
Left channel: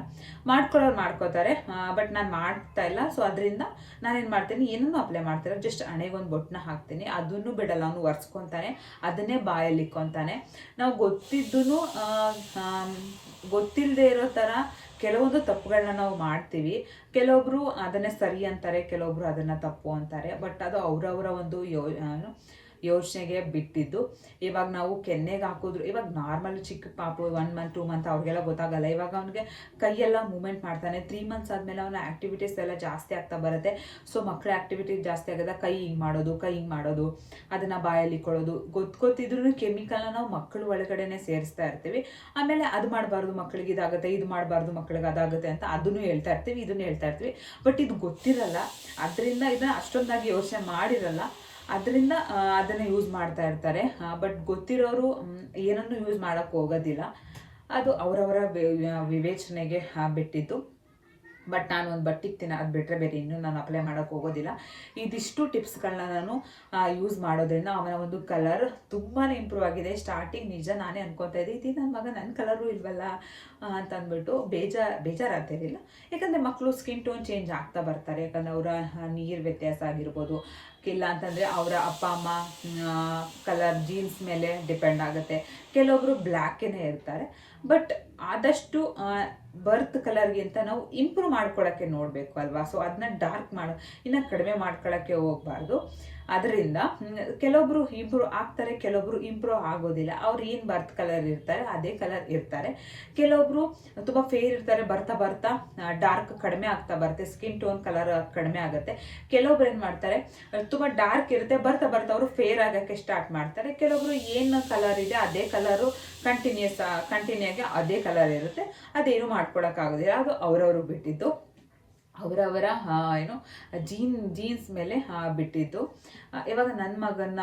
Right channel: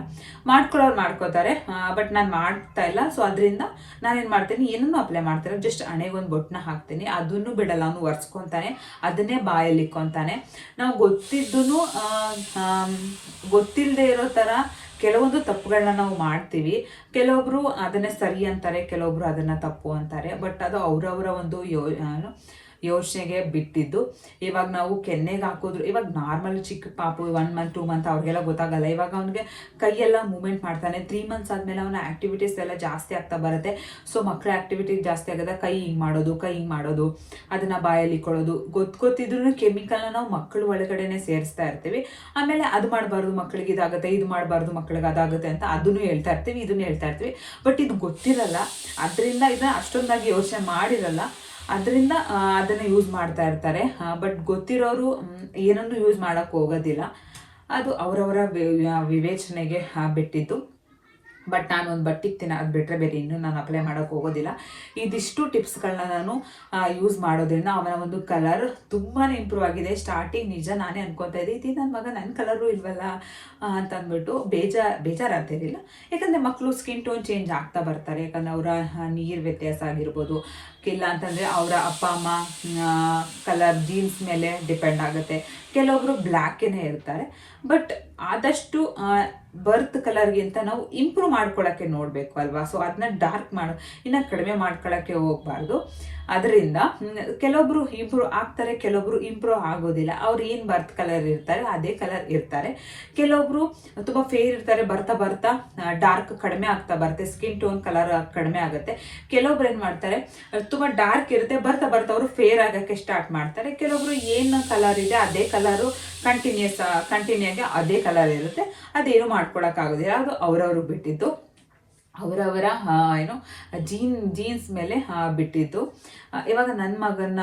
ಮಾಡ್ಕೊಳ್ಳೋರು ಮಾಡ್ಕೋತಾರೆ, ಬಟ್ ನಾನು ಮಾಡ್ತಾ ಇಲ್ಲ. ಸೊ ಅದರಿಂದ ನಾನೇನು ಮಾಡ್ತೀನಿ, ಏನನ್ನೂ ಅಪ್ಲೈ ಮಾಡ್ತಾರೆ, ಜಸ್ಟ್ ಹಣೆಗೊಂದು ಬೊಟ್ಟನ್ನ ಹಾಕ್ತೀನಿ, ಅದನ್ನು ಬಿಡಲ್ಲ. ಅವನು ಒರೆಸ್ಕೊತಾನೆ, ಅದನ್ನೇ ಬಾಯಲ್ಲಿ ಇಕ್ಕೊತಾನೆ. ನಾವು ಗೊತ್ತಿಲ್ಲದೆ ಇರೋ ಥರ ಕೆಲವೊಂದು ತಪ್ಪುಗಳನ್ನ ನಾವು ಮಾಡ್ತೀವಿ. ಕೆಲವೊಬ್ರು ಅದನ್ನೇ ಸರಿ ಅಂತಾರೆ, ಕೆಲವೊಬ್ರು ಅದನ್ನು ತಪ್ಪು ಅಂತಾರೆ. ಬಟ್ ಅದು ಅವರವರ ಒಂದು ಯೋಚನೆಗೆ ಬಿಟ್ಟಿದ್ದು. ಇವಾಗ ನಾವು ಕೆನ್ನೆಗೆ ಹಾಕಿದ್ರು, ಇವಾಗ ನಾರ್ಮಲ್ ಚಿಕ್ಕ ಪಾಪು 1 ಮಂತ್ 2 ಮಂತ್ ಅವ್ರಿಗೆಲ್ಲ ಗೊತ್ತಾಗಲ್ಲ. ಇವಾಗ ಅವನಿಗೆ ಕೈಯೆಲ್ಲ ಮೂಮೆಂಟ್ ಮಾಡ್ತಾನೆ. 3 ಮಂತ್ಸ್ ಆದಮೇಲೆ ಅವನ ಆ್ಯಕ್ಟಿವಿಟೀಸ್ ಎಲ್ಲ ಜಾಸ್ತಿ ಆಗ್ತಾ ಬರುತ್ತೆ. ಸೊ ಮಕ್ಕಳ ಆ್ಯಕ್ಟಿವಿಟೀಸ್ ಜಾಸ್ತಿ ಆಗೋದ, ಕೈ ಹಿಂಗೆ ಮಾಡೋದು, ಅದನ್ನು ಬಾಯಲ್ಲಿ ಇಕ್ಕೊಳ್ಳೋದು, ಗೊತ್ತಿದ್ರೂ ಕೆಮಿಕಲ್ನ ನಾವು ಮಕ್ಕಳ ಒಳಗಡೆನೆ ಸೇರಿಸ್ತಾ ಇರ್ತೀವಿ. ಆಮೇಲೆ ಅದು ಮಾಡಬಾರ್ದು ಮಕ್ಕಳಿಗೆ ಇದಾಗುತ್ತೆ, ಇದು ಮಾಡಬಾರ್ದು ಮಕ್ಕಳಿಗೆ ಅದಾಗುತ್ತೆ ಅಂತ ಅದನ್ನು ಹೇಳ್ತಾ ಇರ್ತೀವಿ, ಇದನ್ನು ಹೇಳ್ತಾ ಇರ್ತೀವಿ. ಬಟ್ ಇದು ಗೊತ್ತಿರಲ್ಲ, ಅದರಿಂದ ಇದನ್ನ ಅಷ್ಟೊಂದಾಗಿ ಯೋಚನೆ ಮಾಡಿರಲ್ಲ, ಅದರಿಂದ ಅದನ್ನು ಯೂಸ್ ಮಾಡ್ತಾ ಇರ್ತಾರೆ. ಬಟ್ ಗೊತ್ತಿರೋರು ಏನನ್ನು ಯೂಸ್ ಮಾಡೋಕ್ಕೆ ಹೋಗೋದಿಲ್ಲ. ಅದು ಅವರವರ ವಿವೇಚನೆಗೆ ಬಿಟ್ಟಿದ್ದು. ಬಟ್ ನಾನು ಒಂದು ಬಟ್ಟಿಗ್ತೀನಿ, ಅದು ಬಿಟ್ಟರೆ ಬೇರೆ ಇನ್ನೂ ನಾನು ಅಪ್ಲೈ ಮಾಡೋಕ್ಕೆ ಹೋಗೋದಿಲ್ಲ. ಇದಿಷ್ಟು ಟಿಪ್ಸ್ಗಳನ್ನ ನಾನು ಯೂಸ್ ಮಾಡೋದ್ರಿಂದ ಅವನ ಒಂದು ಕಲರ್ ತುಂಬಾ ಇಂಪ್ರೂವ್ ಆಗಿದೆ. ಸ್ಟಾರ್ಟಿಂಗ್ ನಿಜ ನಾನೇ ಅನ್ಕೊತಾ ಇದ್ದೆ, ಇದು ನನ್ನ ಮಗ ನನ್ನ ಕಲರು ಇಲ್ವಲ್ಲ ಅಂತಂದ್ಬಿಟ್ಟು ಬೇಜಾರಾಗ್ತಿರಲಿಲ್ಲ. ಯಾಕಂದರೆ ಮಕ್ಕಳು ಸ್ಕಿನ್ ಟೋನ್ ಚೇಂಜ್ ಆಗ್ತಾ ಬರ್ತಾರೆ. ಯಾಕಂದರೆ ಅವರ ನೀರು ವ್ಯತ್ಯಾಸ ಆಗಿರ್ಬೋದು, ಇಲ್ಲ ಅಂತಂದರೆ ಅವರ ಅಪ್ಪ ಅಮ್ಮ ಕಲರ್ ಜೀನ್ಸ್ ಮೇಲೆ ಡಿಪೆಂಡ್ ಆಗುತ್ತೆ. ಕೆಲವೊಬ್ಬರು ಬ್ಲ್ಯಾಕೇನೇ ಇರ್ತಾರೆ. ಬಟ್ ಆದಷ್ಟು ಬರ್ತ್ ಕಲರ್ಗಿಂತ ನಾವು ಇಂಪ್ರೂವ್ ಮಾಡ್ಕೊಳ್ಳೋಕ್ಕೆ ನೋಡಬೇಕು ಅಲ್ವಾ. ಸೊ ಅದನ್ನ ಡಾರ್ಕ್ ಇನ್ನು ಕಡಿಮೆ ಮಾಡ್ಕೊಳ್ಳೋಕ್ಕೆ ಹೋಗಬಾರ್ದು. ಅದರಿಂದ ಕೆಲವೊಬ್ರು ಇಂಪ್ರೂವ್ ಆಗ್ತಾರೆ, ಕೆಲವೊಬ್ರು ಇಂಪ್ರೂವ್ ಆಗೋದಿಲ್ಲ. ಅವ್ರು ಏನು ಬರ್ತ್ ಕಲರ್ ಇರ್ತಾರೆ ಅದೇ ಕಲರ್ ಇರ್ತಾರೆ. ಕೆಲವೊಬ್ರು ತುಂಬ ಫೇರ್ ಇರ್ತಾರೆ, ಬರ್ತಾ ಡಾರ್ಕ್ ಕಡಿಮೆ ಆಗ್ತಾ ಬರುತ್ತೆ, ಸ್ಕಿನ್ ಟೋನ್ ಕಲರ್ ಕಡಿಮೆ ಆಗುತ್ತೆ. ಕೆಲವೊಬ್ರು ಏನು ಮಾಡ್ತಾರೆ, ತುಂಬ ಡಾರ್ಕ್ ಇರುತ್ತೆ, ಬರ್ತಾ ಅವರು ಫೇರ್ ಆಗೋಕ್ಕೆ ಸ್ಟಾರ್ಟ್ ಮಾಡ್ತಾರೆ. ಕೆಲವೊಬ್ರು ಏನು ಕಲರ್ ಇದೆ ಅದೇ ಕಲರು ಕಂಟಿನ್ಯೂ ಆಗಿ ಅದೇ ಕಲರ್ ಇರುತ್ತೆ, ಅದೇನು ಮಾಡ್ಕೊಳಕ್ಕಾಗೋದಿಲ್ಲ. ಅದು ಅವರವರು ಬಿಟ್ಟಿದ್ದು, ಅವರವರ ಜೀನ್ಸ್ ಮೇಲೆ ಬಿಟ್ಟಿದ್ದು. ಇವಾಗ ನನ್ನ ಮಗನ್ನ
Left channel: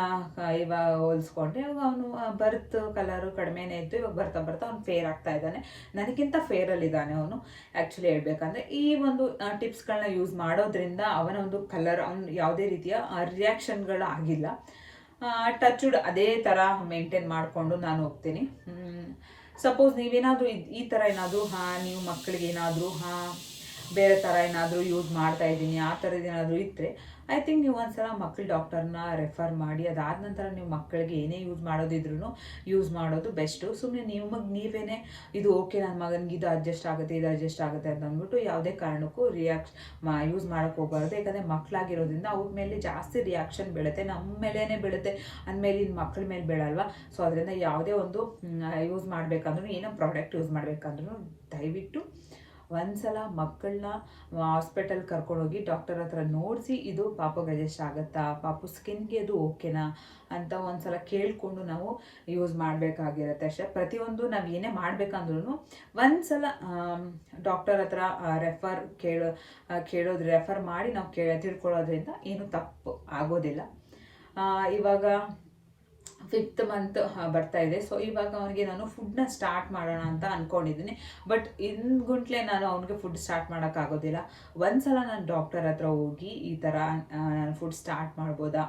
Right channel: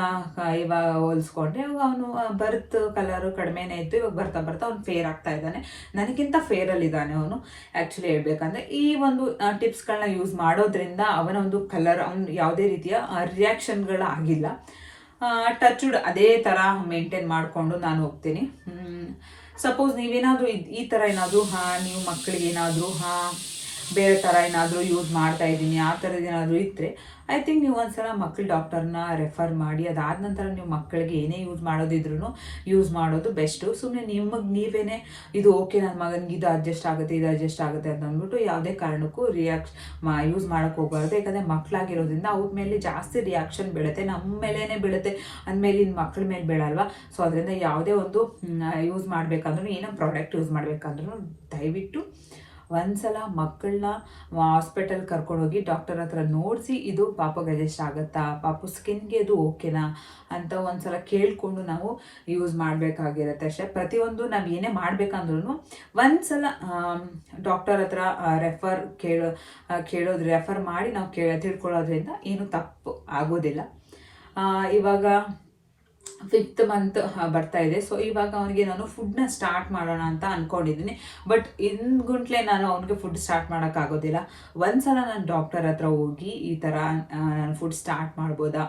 ಇವಾಗ ಹೋಲಿಸ್ಕೊಂಡ್ರೆ ಇವಾಗ ಅವನು ಬರ್ತ್ ಕಲರು ಕಡಿಮೆನೇ ಇತ್ತು, ಇವಾಗ ಬರ್ತಾ ಅವ್ನು ಫೇರ್ ಆಗ್ತಾ ಇದ್ದಾನೆ, ನನಗಿಂತ ಫೇರಲ್ಲಿದ್ದಾನೆ ಅವನು. ಆ್ಯಕ್ಚುಲಿ ಹೇಳ್ಬೇಕಂದ್ರೆ ಈ ಒಂದು ಟಿಪ್ಸ್ಗಳನ್ನ ಯೂಸ್ ಮಾಡೋದ್ರಿಂದ ಅವನ ಒಂದು ಕಲರ್, ಅವನು ಯಾವುದೇ ರೀತಿಯ ರಿಯಾಕ್ಷನ್ಗಳು ಆಗಿಲ್ಲ. ಟಚ್ವುಡ್ ಅದೇ ಥರ ಮೇಂಟೈನ್ ಮಾಡಿಕೊಂಡು ನಾನು ಹೋಗ್ತೀನಿ. ಸಪೋಸ್ ನೀವೇನಾದರೂ ಈ ಥರ ಏನಾದರೂ ನೀವು ಮಕ್ಕಳಿಗೆ ಏನಾದರೂ ಬೇರೆ ಥರ ಏನಾದರೂ ಯೂಸ್ ಮಾಡ್ತಾ ಇದ್ದೀನಿ ಆ ಥರದ್ದು ಏನಾದರೂ ಇದ್ದರೆ ಐ ಥಿಂಕ್ ನೀವು ಒಂದ್ಸಲ ಮಕ್ಕಳ ಡಾಕ್ಟರ್ನ ರೆಫರ್ ಮಾಡಿ, ಅದಾದ ನಂತರ ನೀವು ಮಕ್ಕಳಿಗೆ ಏನೇ ಯೂಸ್ ಮಾಡೋದಿದ್ರೂ ಯೂಸ್ ಮಾಡೋದು ಬೆಸ್ಟು. ಸುಮ್ಮನೆ ನೀವೇನೇ ಇದು ಓಕೆ ನನ್ನ ಮಗನಿಗೆ ಇದು ಅಡ್ಜಸ್ಟ್ ಆಗುತ್ತೆ ಅಂತ ಅಂದ್ಬಿಟ್ಟು ಯಾವುದೇ ಕಾರಣಕ್ಕೂ ಯೂಸ್ ಮಾಡೋಕ್ಕೆ ಹೋಗಬಾರ್ದು. ಯಾಕಂದರೆ ಮಕ್ಕಳಾಗಿರೋದ್ರಿಂದ ಅವ್ರ ಮೇಲೆ ಜಾಸ್ತಿ ರಿಯಾಕ್ಷನ್ ಬೀಳುತ್ತೆ, ನಮ್ಮ ಮೇಲೇ ಬೀಳುತ್ತೆ, ಅಂದಮೇಲೆ ಇನ್ನು ಮಕ್ಕಳ ಮೇಲೆ ಬೀಳಲ್ವ. ಸೊ ಅದರಿಂದ ಯಾವುದೇ ಒಂದು ಯೂಸ್ ಮಾಡಬೇಕಂದ್ರೂ, ಏನೋ ಪ್ರಾಡಕ್ಟ್ ಯೂಸ್ ಮಾಡಬೇಕಂದ್ರೂ ದಯವಿಟ್ಟು ಒಂದ್ಸಲ ಮಕ್ಕಳನ್ನ ಹಾಸ್ಪಿಟಲ್ ಕರ್ಕೊಂಡೋಗಿ ಡಾಕ್ಟರ್ ಹತ್ರ ನೋಡಿಸಿ, ಇದು ಪಾಪಗೆ ಅಡ್ಜಸ್ಟ್ ಆಗುತ್ತಾ, ಪಾಪು ಸ್ಕಿನ್ಗೆ ಇದು ಓಕೆನಾ ಅಂತ ಒಂದ್ಸಲ ಕೇಳಿಕೊಂಡು ನಾವು ಯೂಸ್ ಮಾಡಬೇಕಾಗಿರುತ್ತೆ ಅಷ್ಟೇ. ಪ್ರತಿಯೊಂದು ನಾವು ಏನೇ ಮಾಡಬೇಕಂದ್ರೂ ಒಂದ್ಸಲ ಡಾಕ್ಟರ್ ಹತ್ರ ರೆಫರ್ ಮಾಡಿ ನಾವು ತಿಳ್ಕೊಳ್ಳೋದ್ರಿಂದ ಏನು ತಪ್ಪು ಆಗೋದಿಲ್ಲ. ಇವಾಗ 5th ಮಂತ್ ಬರ್ತಾ ಇದೆ. ಸೊ ಇವಾಗ ಅವನಿಗೆ ನಾನು ಫುಡ್ನ ಸ್ಟಾರ್ಟ್ ಮಾಡೋಣ ಅಂತ ಅಂದ್ಕೊಂಡಿದ್ದೀನಿ. ಬಟ್ ಗುಂಟ್ಲೆ ನಾನು ಅವನಿಗೆ ಫುಡ್ ಸ್ಟಾರ್ಟ್ ಮಾಡೋಕ್ಕಾಗೋದಿಲ್ಲ. ಒಂದ್ಸಲ ನಾನು ಡಾಕ್ಟರ್ ಹತ್ರ ಹೋಗಿ ಈ ಥರ ನಾನು ಫುಡ್ ಸ್ಟಾರ್ಟ್ ಮಾಡ್ಬೋದಾ,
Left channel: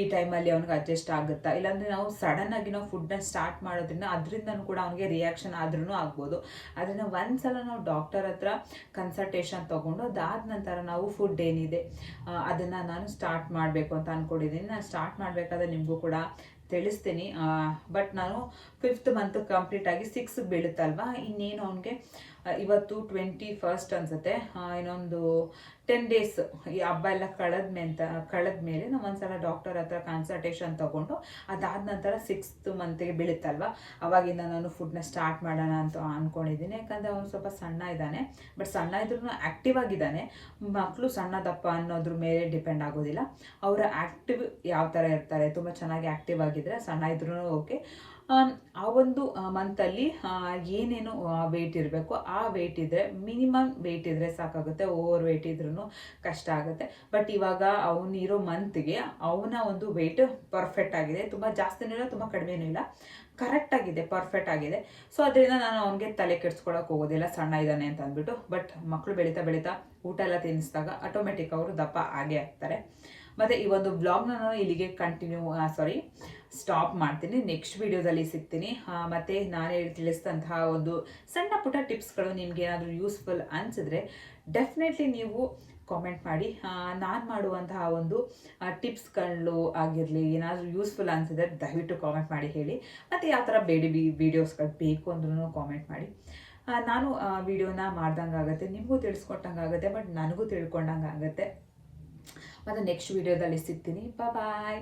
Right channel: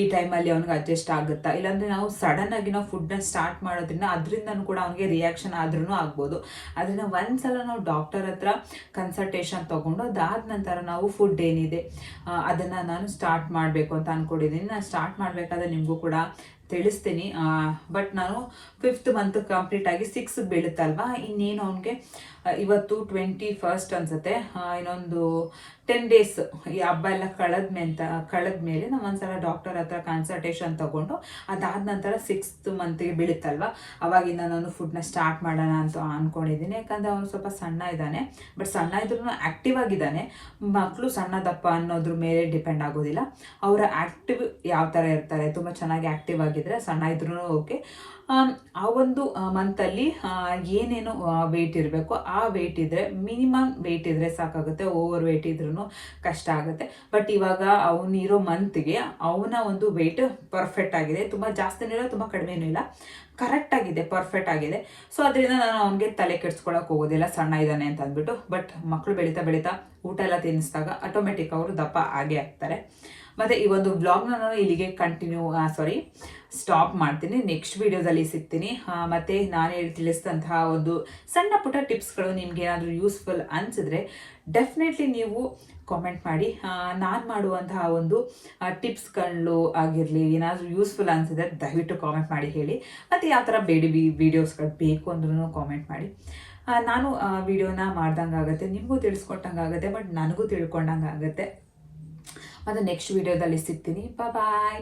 ಈ ಟೈಮಲ್ಲಿ ಅವ್ನಿಗೆ ಅಡ್ಜಸ್ಟ್ ಆಗುತ್ತಾ, ಇಲ್ಲಾಂದರೆ ನಾವು ಸಡನ್ನಾಗಿ ನಾವು ಫುಡ್ನ ಸ್ಟಾರ್ಟ್ ಮಾಡೋದ್ರಿಂದ ಅದರಿಂದನೂ ಕೂಡ ಅವನಿಗೆ ರಿಯಾಕ್ಷನ್ ಆದ್ರೂ ಆಗ್ಬೋದು. ಅದನ್ನು ಒಂದ್ಸಲ ನಾವು ಡಾಕ್ಟರ್ ಹತ್ರ ಕನ್ಸಲ್ಟೇಷನ್ ತೊಗೊಂಡು ಅದಾದ ನಂತರ ನಾವು ಫುಡ್ ಏನಿದೆ ಅದನ್ನು ನಾನು ಸ್ಟಾರ್ಟ್ ಮಾಡಬೇಕು ಅಂತ ಅಂದ್ಕೊಂಡಿದ್ದೀನಿ. ನಾನು ಸ್ಟಾರ್ಟ್ ಮಾಡಬೇಕಾದ್ರೆ ನಿಮಗೂ ಕೂಡ ತಿಳಿಸ್ತೀನಿ. ಬಟ್ ನಾನು 5th ಮಂತ್ ಕಂಪ್ಲೀಟ್ ಆಗಿ 6 ಬೀಳುತ್ತಲ್ವ, ಇನ್ನೇನು ಅವನಿಗೆ ಇವತ್ತು 21 ಅನ್ಸುತ್ತೆ. ಇನ್ನೊಂದು 10 ಡೇಸ್ ಈ ಹಬ್ಬ ಎಲ್ಲ ಕಳೆದ್ಮೇಲೆ ನಾವು ಒಂದ್ಸಲ ಡಾಕ್ಟರ್ ಹತ್ರ ಕನ್ಸಲ್ಟೇಷನ್ ತಗೊಂಡು ಅದಾದ ನಂತರ 6th ಮಂತಿಗೆ ಬೀಳುತ್ತಲ್ವ, ಅವಾಗಿಂದ ನಾನು ಫುಡ್ನ ಸ್ಟಾರ್ಟ್ ಮಾಡೋಣ ಅಂತ ಅಂದ್ಕೊಂಡಿದ್ದೀನಿ. ಯಾಕಂದರೆ ಅವನು ಸ್ವಲ್ಪ ಸಣ್ಣ ಇದ್ದಾನೆ, ಬಟ್ ಸಣ್ಣ ಇದ್ರೂ ಆ್ಯಕ್ಟಿವ್ ಆಗಿದ್ದಾನೆ. ಮಕ್ಕಳು ಸಣ್ಣ ದಪ್ಪ ಅನ್ನೋದ್ರ ಮೇಲೆ ಡಿಪೆಂಡ್ ಆಗೋದಿಲ್ಲ, ಅವರ ಆ್ಯಕ್ಟಿವ್ ಯಾವ ಥರ ಇರ್ತಾರೆ, ತುಂಬ ಚೆನ್ನಾಗಿ ಆ್ಯಕ್ಟಿವ್ ಆಗಿದ್ದರೆ ಸಣ್ಣ ಇದ್ರೂ ಓಕೆ. ಆ ಒಂದು ಮಂತಲ್ಲಿ ಏನೇನು ವೆಯ್ಟ್ ಇರಬೇಕು ಆ ವೆಯ್ಟ್ ಇದ್ದರೆ, ಮಿನಿಮಮ್ ವೆಯ್ಟ್ ಇದ್ದರೆ ಸಾಕಾಗುತ್ತೆ, ಓವರ್ ವೆಯ್ಟ್ ಇದ್ರೂ ಕಷ್ಟ ಆಗುತ್ತೆ. ಬಟ್ ಇವಾಗ ಅವನಿರೋ ಮಂತ್ಗೆ ಅವನ ಒಂದು ವೆಯ್ಟ್ ಪರ್ಫೆಕ್ಟ್ ಆಗಿದೆ, ತುಂಬ ಜಾಸ್ತಿನೂ ಇಲ್ಲ ತುಂಬ ಕಡಿಮೆನೂ ಇಲ್ಲ, ಕರೆಕ್ಟಾಗಿದೆ, ಪರ್ಫೆಕ್ಟ್ ಆಗಿದೆ. ಸೊ ಅದರಿಂದ ನಾನು ಅವನಿಗೆ ತಲೆ ಕೆಡ್ಸ್ಕೊಳಕ್ಕೆ ಹೋಗೋದಿಲ್ಲ ಸಣ್ಣ ಇದ್ದಾನೆ ಅಂತ ಅಂದ್ಬಿಟ್ಟು. ಬಟ್ ಮಕ್ಕಳು ಬೆಳೀತಾ ಬೆಳೀತಾ ಊಟ ಎಲ್ಲ ತಿನ್ನಿಸಿದಾಗ ಆಟೋಮೆಟಿಕ್ ಅವರು ದಪ್ಪ ಆಗೇ ಆಗ್ತಾರೆ. ಮತ್ತು ಈ ಒಂದು ವ್ಲಾಗ್ನ ನಾನು ಇಲ್ಲಿಗೆ ಸ್ಟಾಪ್ ಮಾಡ್ತೀನಿ. ನೆಕ್ಸ್ಟ್ ವೀಡಿಯೋದಲ್ಲಿ ಸಿಗ್ತೀನಿ. ಮತ್ತು ನಾನು ತಿಳಿಸಿದಂತಹ ಒಂದು ಸಣ್ಣ ಪುಟ್ಟ ಟಿಪ್ಸ್ಗಳು ನಿಮ್ಗೆ ಏನಾದರೂ ಯೂಸ್ಫುಲ್ ಅನಿಸಿದ್ರೆ ಡೆಫಿನೆಟ್ಲಿ ನೀವು ಕಾಮೆಂಟ್ ಮಾಡಿ. ನಾನು ಮಾಡುವಂತಹ ಒಂದು ಟಿಪ್ಸ್ಗಳು ಆಗಿರಲಿ, ಏನಾದರೂ ಯೂಸ್ಫುಲ್ ಅನಿಸಿದ್ರೆ ದಯವಿಟ್ಟು ಕಾಮೆಂಟ್ ಮಾಡಿ ಹೇಳಿ. ಮತ್ತು ಯಾವ ಥರ ವೀಡಿಯೋಸ್ಗಳು ಬೇಕು ಅಂದ್ರೂ ಕಾಮೆಂಟ್ ಮಾಡಿ. ನಾನು ವಿಡಿಯೋನ ಮಾಡ್ದಂಗೆ ಆಗುತ್ತೆ, ನಿಮಗೂ ತಿಳಿಸ್ಕೊಟ್ಟಂಗೆ ಆಗುತ್ತೆ, ಬಟ್ ನನಗೂ ತಿಳ್ಕೊಂಡಂಗೆ ಆಗುತ್ತೆ. ಮತ್ತು ನೆಕ್ಸ್ಟ್ ವೀಡಿಯೋದಲ್ಲಿ ಸಿಗ್ತೀನಿ. ಬಾಯ್.